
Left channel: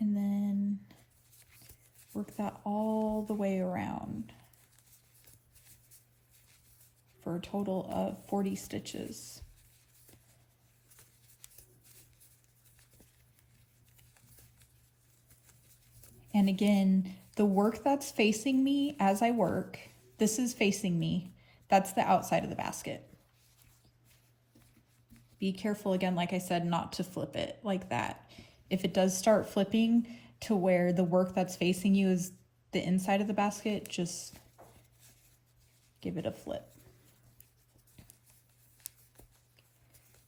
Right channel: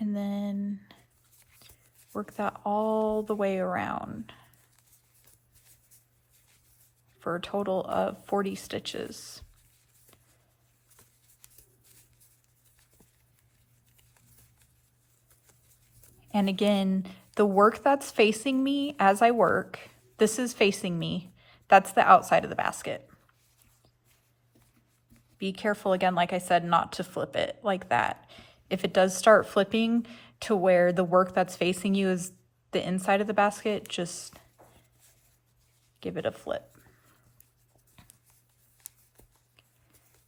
and then work that all the way around for a total of 40 stitches. And again, the work that's facing me as I work, this is facing me. That's the outside of the basket. Be careful, again, like I said, not to flip it like that. If it does start flipping to where the work that's facing you is the inside of the basket, just give it a flip.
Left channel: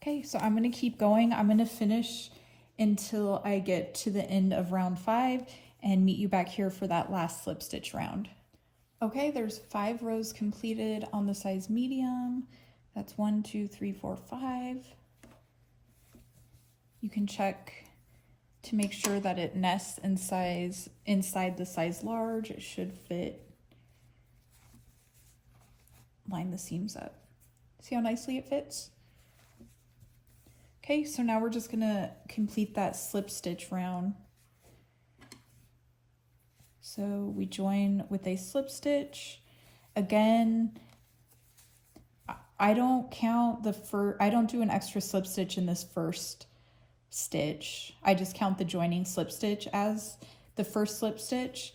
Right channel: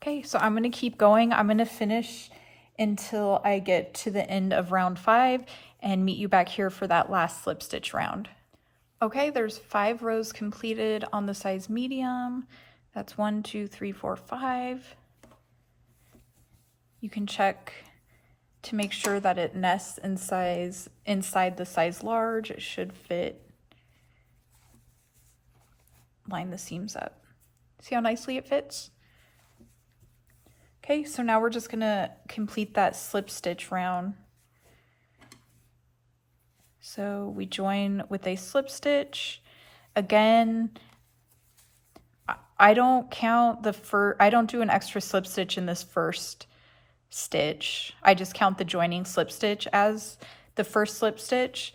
Okay, so I'm going to keep going. I'm going to finish until I get to the end of round 5 and meet you back here for that last slip stitch round. Okay, there's 5 rows completed on the size medium. That's 1, 2, 3, 4, 5. You can check to make sure that it nests inside the size large. It should fit. Line the seams up. See how nicely it fits? Okay, so now we're just gonna complete that slip stitch round. So we join with a slip stitch. Again, I don't count I don't do an extra slip stitch in this first stitch. I just count the joining slip stitch as the first slip stitch.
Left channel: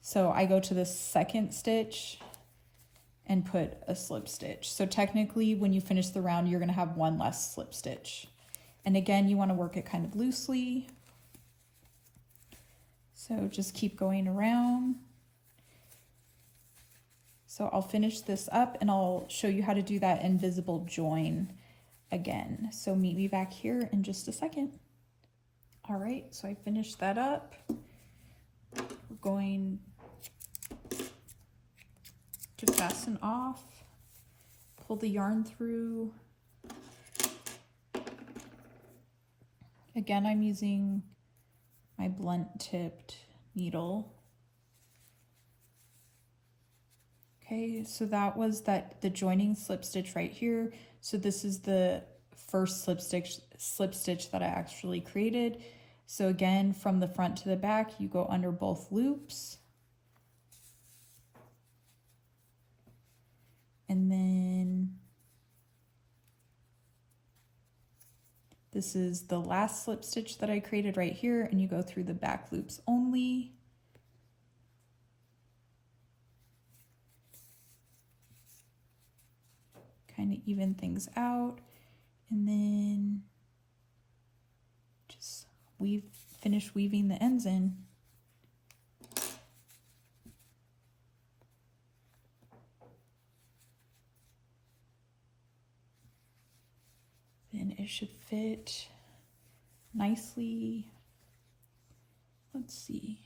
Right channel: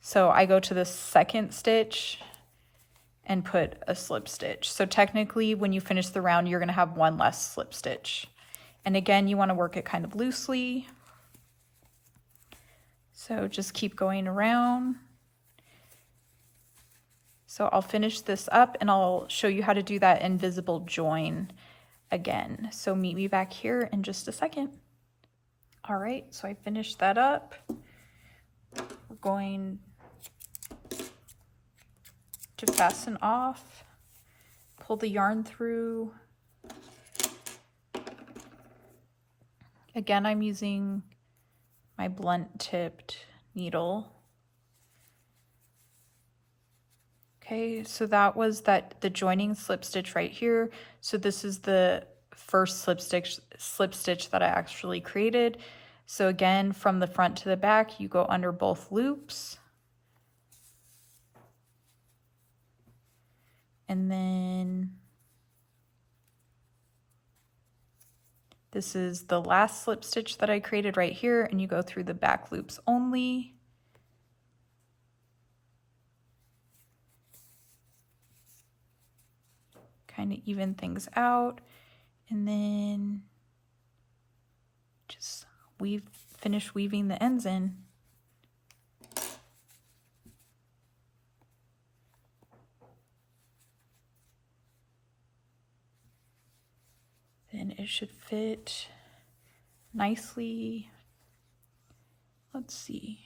So I go to the second stitch and put a slip stitch. So technically when you finish the round, you're gonna have 1 less slip stitch. And again, you wanna work it kind of loosely. So just keep going around. So I'll finish this up and I'll show you how to do that invisible join again. So meet me back here in just a second. All right, so I finished that up. We're going to fasten off, pull the yarn through. Again, I'm using my blunt tipped needle. Okay, so that was the joining slip stitch right here. So this is the first slip stitch that I actually created. So again, from the front to the back, you go under both loops. And then this is the last slip stitch that I created right here, and you go through the back loops only. Kind of even things out, and then just finish weaving the ends in. Then it should fit nicely. Let's see.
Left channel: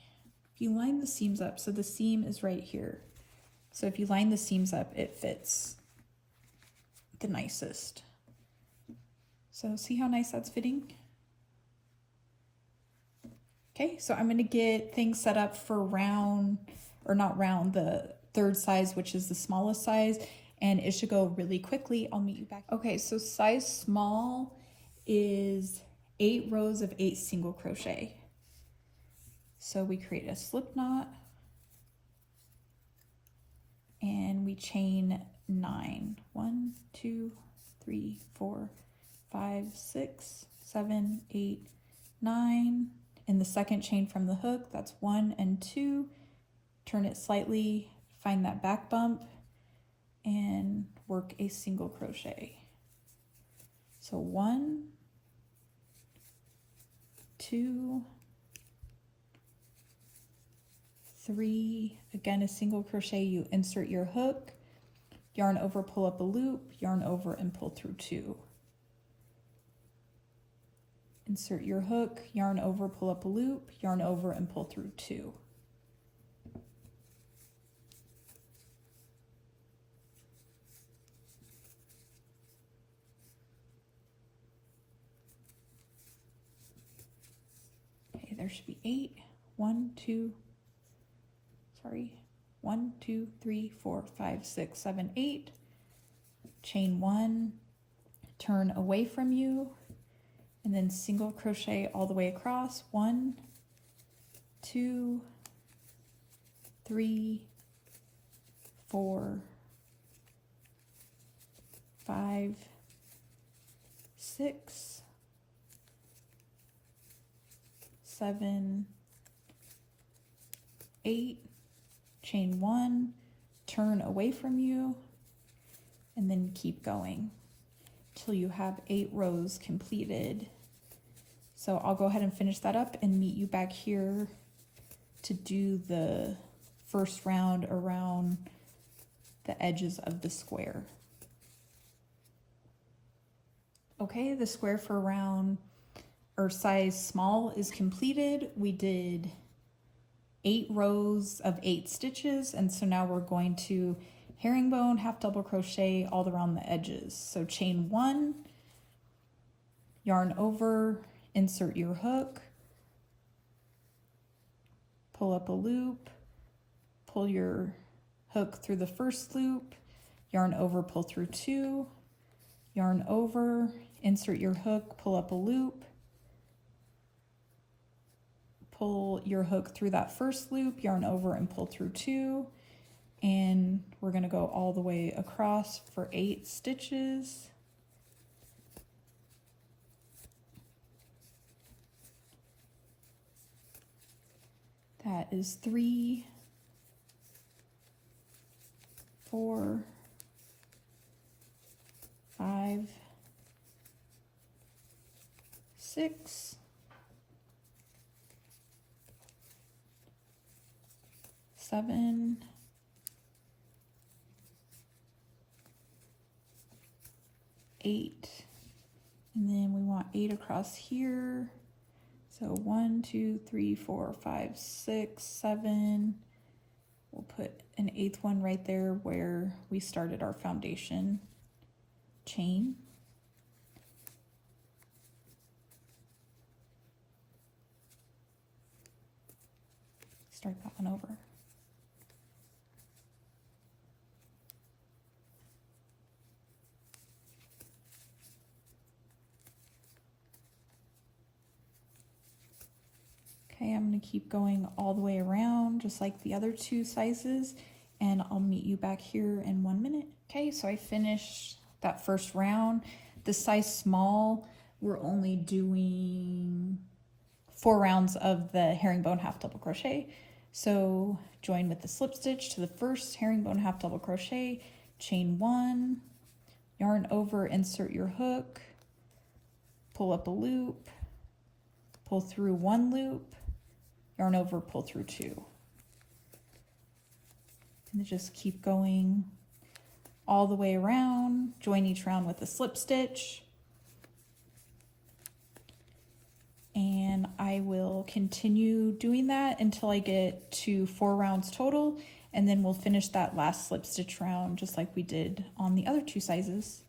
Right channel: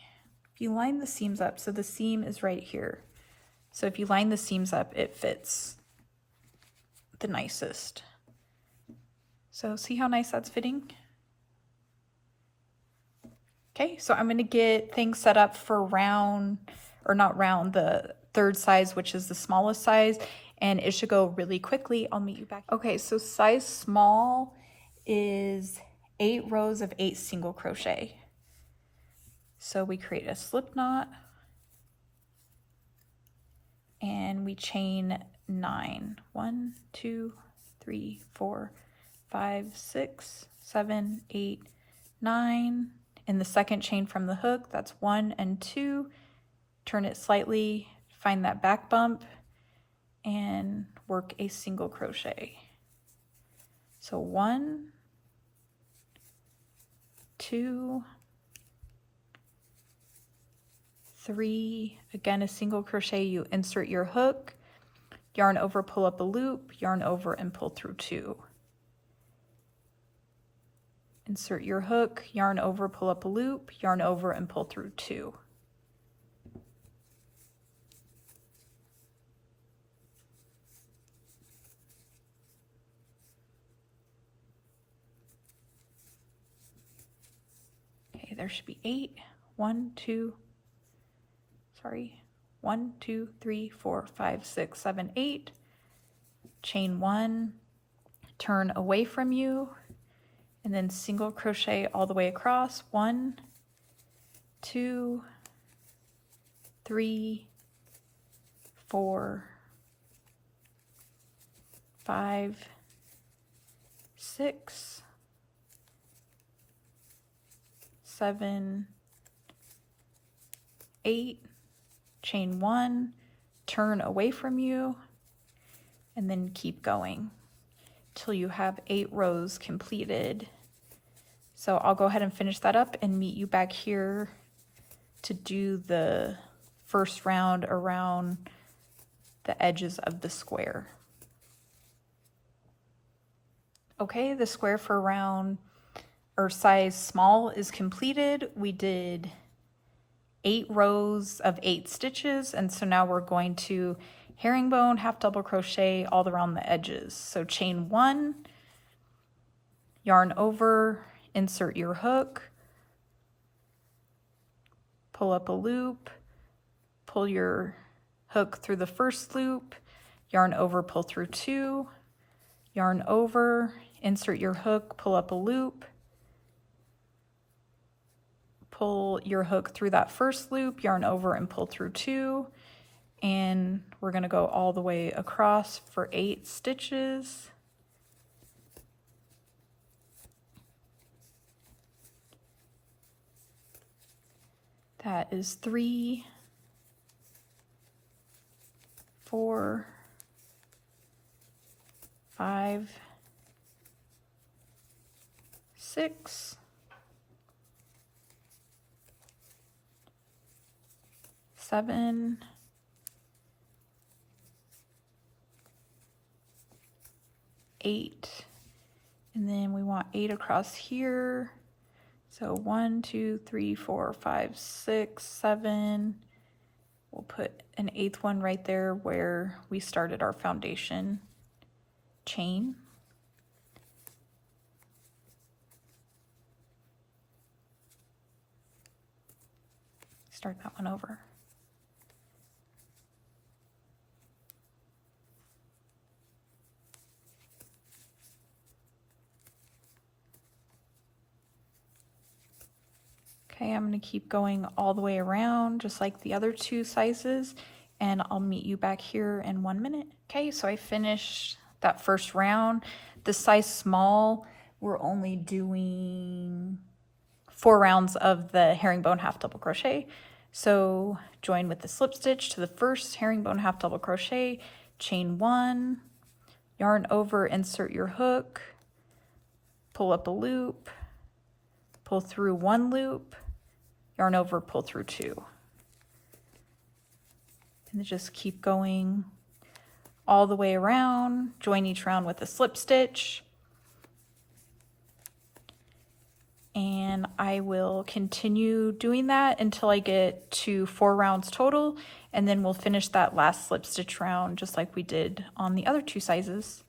if you line the seams up, so the seam is right here. So if you line the seams up, it fits the nicest. So see how nice that's fitting? Okay, so I'm gonna get things set up for round, or not round, the third size, which is the smallest size, and it should go really quickly. I'll meet you back. Okay, so size small is 8 rows of 8 single crochet. So we create a slip knot and we chain 9. 1, 2, 3, 4, 5, 6, 7, 8, 9. In the second chain from the hook, that's 1 and 2. Turn it slightly, find that back bump, and work a single crochet. So 1, 2, 3, again a single crochet, you insert your hook, yarn over, pull up a loop, yarn over and pull through 2. Insert your hook, yarn over, pull up a loop, yarn over and pull through 2. Okay, there should be 8. 1, 2, 3, 4, 5, 6, 7, 8. Chain 1, turn away from you, and then single crochet all the way across. 1, 2, 3, 4, 5, 6, 7, 8. Chain 1, turn away from you, and then keep going till you have 8 rows completed. So I'll go ahead and finish that up and meet you back here to do the first round around the edges of the square. Okay, the square for round or size small is completed. We did 8 rows of 8 stitches, and so now we're going to herringbone, half double crochet all around the edges. So chain 1, yarn over, insert your hook, pull up a loop, pull your hook through the first loop, yarn over, pull through 2, yarn over, insert your hook, pull up a loop, pull your hook through that first loop, yarn over and pull through 2, and we're going to go all the way across for 8 stitches. That is 3, 4, 5, 6, 7, 8, and then we want 8 across here. So 1, 2, 3, 4, 5, 6, 7. We'll put an 8th one right there where we started our foundation chain. Start that one over. Okay, I'm going to keep going all the way around just like the other 2 sizes, and I'll meet you back here in 1 minute. Okay, so I finished that first round. The size small, we're only doing 4 rounds of the herringbone half double crochet. So join with the slip stitch to the first herringbone half double crochet, chain 1, yarn over, insert your hook, pull up a loop, pull through 1 loop, yarn over, pull through 2. And just keep going all the way around. Join each round with a slip stitch. And I I will continue doing that until I get to 4 rounds total, and then we'll finish that last slip stitch round just like we did on the other 2 sizes.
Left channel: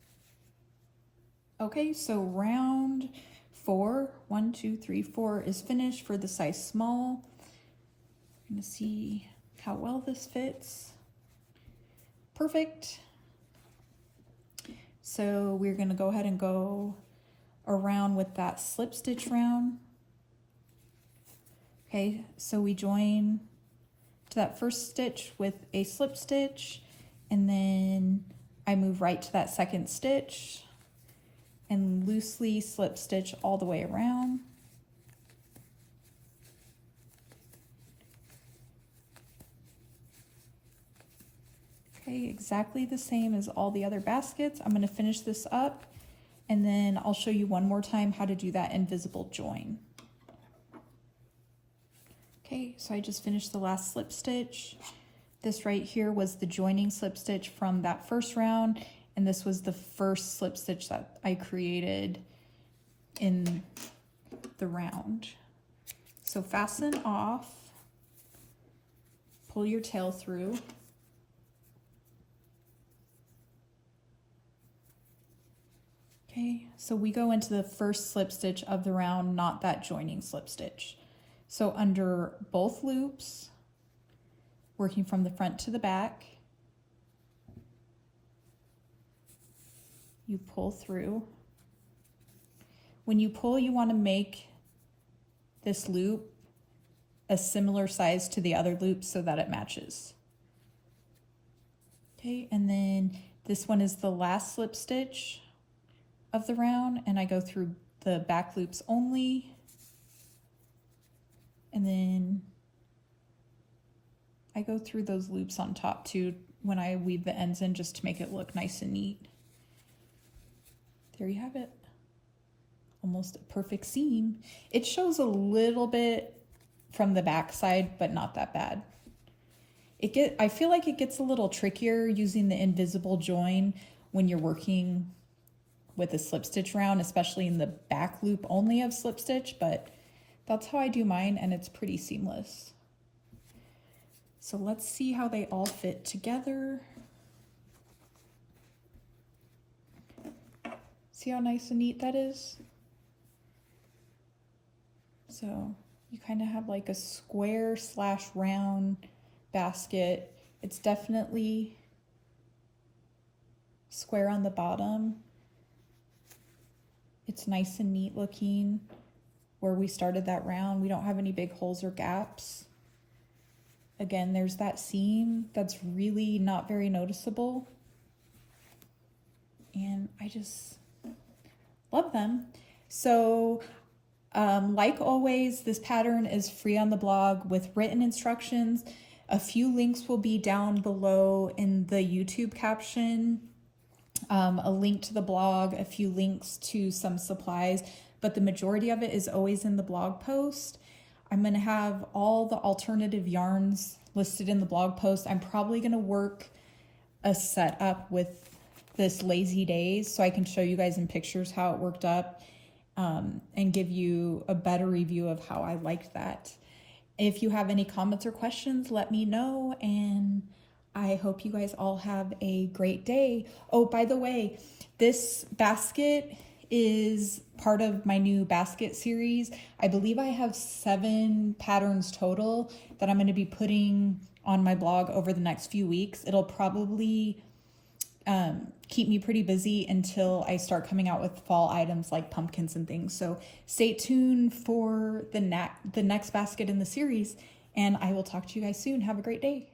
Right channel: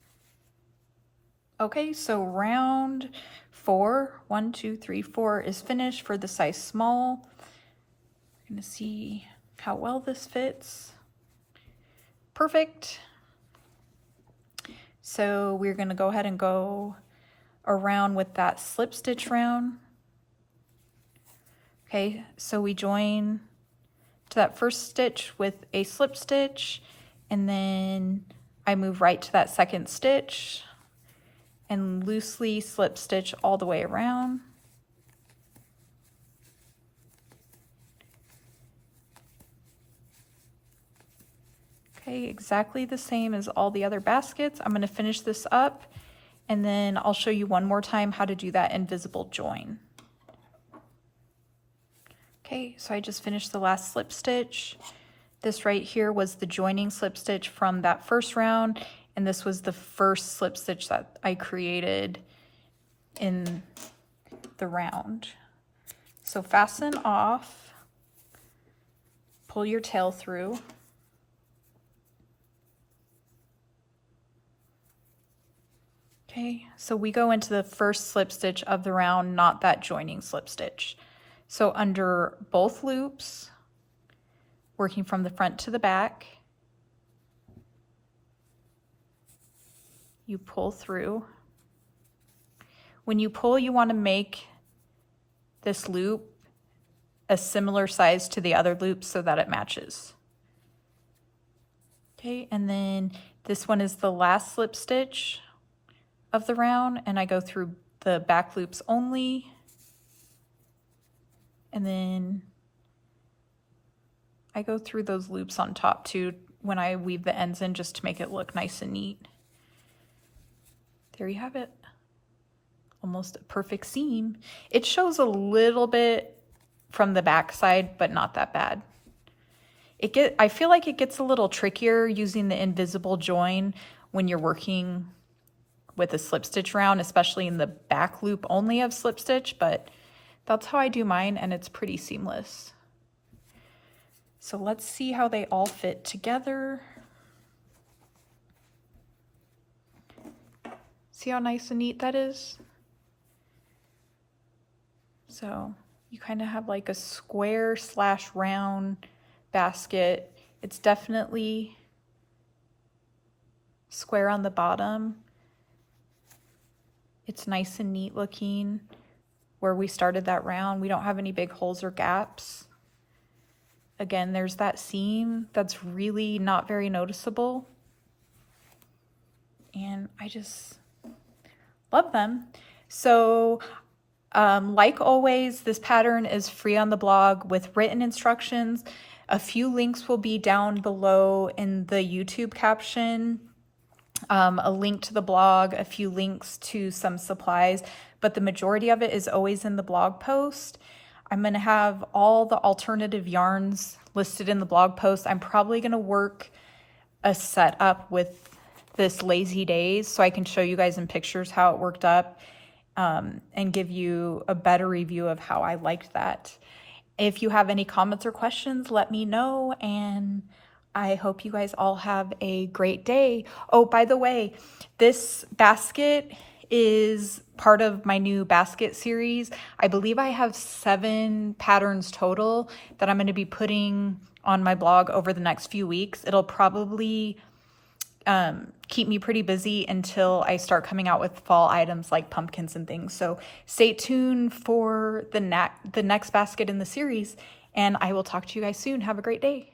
Okay, so round 4, 1, 2, 3, 4 is finished for the size small. I'm gonna see how well this fits. Perfect. So we're gonna go ahead and go around with that slip stitch round. Okay, so we join to that first stitch with a slip stitch, and then I move right to that second stitch and loosely slip stitch all the way around. Okay, exactly the same as all the other baskets. I'm going to finish this up, and then I'll show you one more time how to do that invisible join. Okay, so I just finished the last slip stitch. This right here was the joining slip stitch from that first round, and this was the first slip stitch that I created in the round. So fasten off, pull your tail through. Okay, so we go into the first slip stitch of the round, not that joining slip stitch. So under both loops, working from the front to the back, you pull through. When you pull, you want to make this loop a similar size to the other loops so that it matches. Okay, and then this one is the last slip stitch of the round, and I go through the back loops only. And then I go through those loops on top too when I weave the ends in, just to make it look nice and neat. There you have it. Almost a perfect seam. It shows a little bit from the back side, but not that bad. I feel like it gets a little trickier using the invisible join when you're working with a slip stitch round, especially in the back loop only of slip stitch, but that's how I do mine, and it's pretty seamless. So let's see how they all fit together. See how nice and neat that is? So you kind of have like a square / round basket. It's definitely square on the bottom. It's nice and neat looking. Where we started that round, we don't have any big holes or gaps. Again, there's that seam that's really not very noticeable. And I just love them. So like always, this pattern is free on the blog with written instructions. A few links will be down below in the YouTube caption. A link to the blog, a few links to some supplies, but the majority of it is always in the blog post. I'm going to have all the alternative yarns listed in the blog post. I'm probably going to work a setup with this Lazy Days so I can show you guys in pictures how it worked up, and give you a better review of how I liked that. If you have any comments or questions, let me know, and I hope you guys all have a great day. Oh, by the way, this basket is part of my new basket series. I believe I have 7 patterns total that I'm going to be putting on my blog over the next few weeks. It'll probably keep me pretty busy until I start coming out with fall items like pumpkins and things. So stay tuned for the next basket in the series, and I will talk to you guys soon. Have a great day.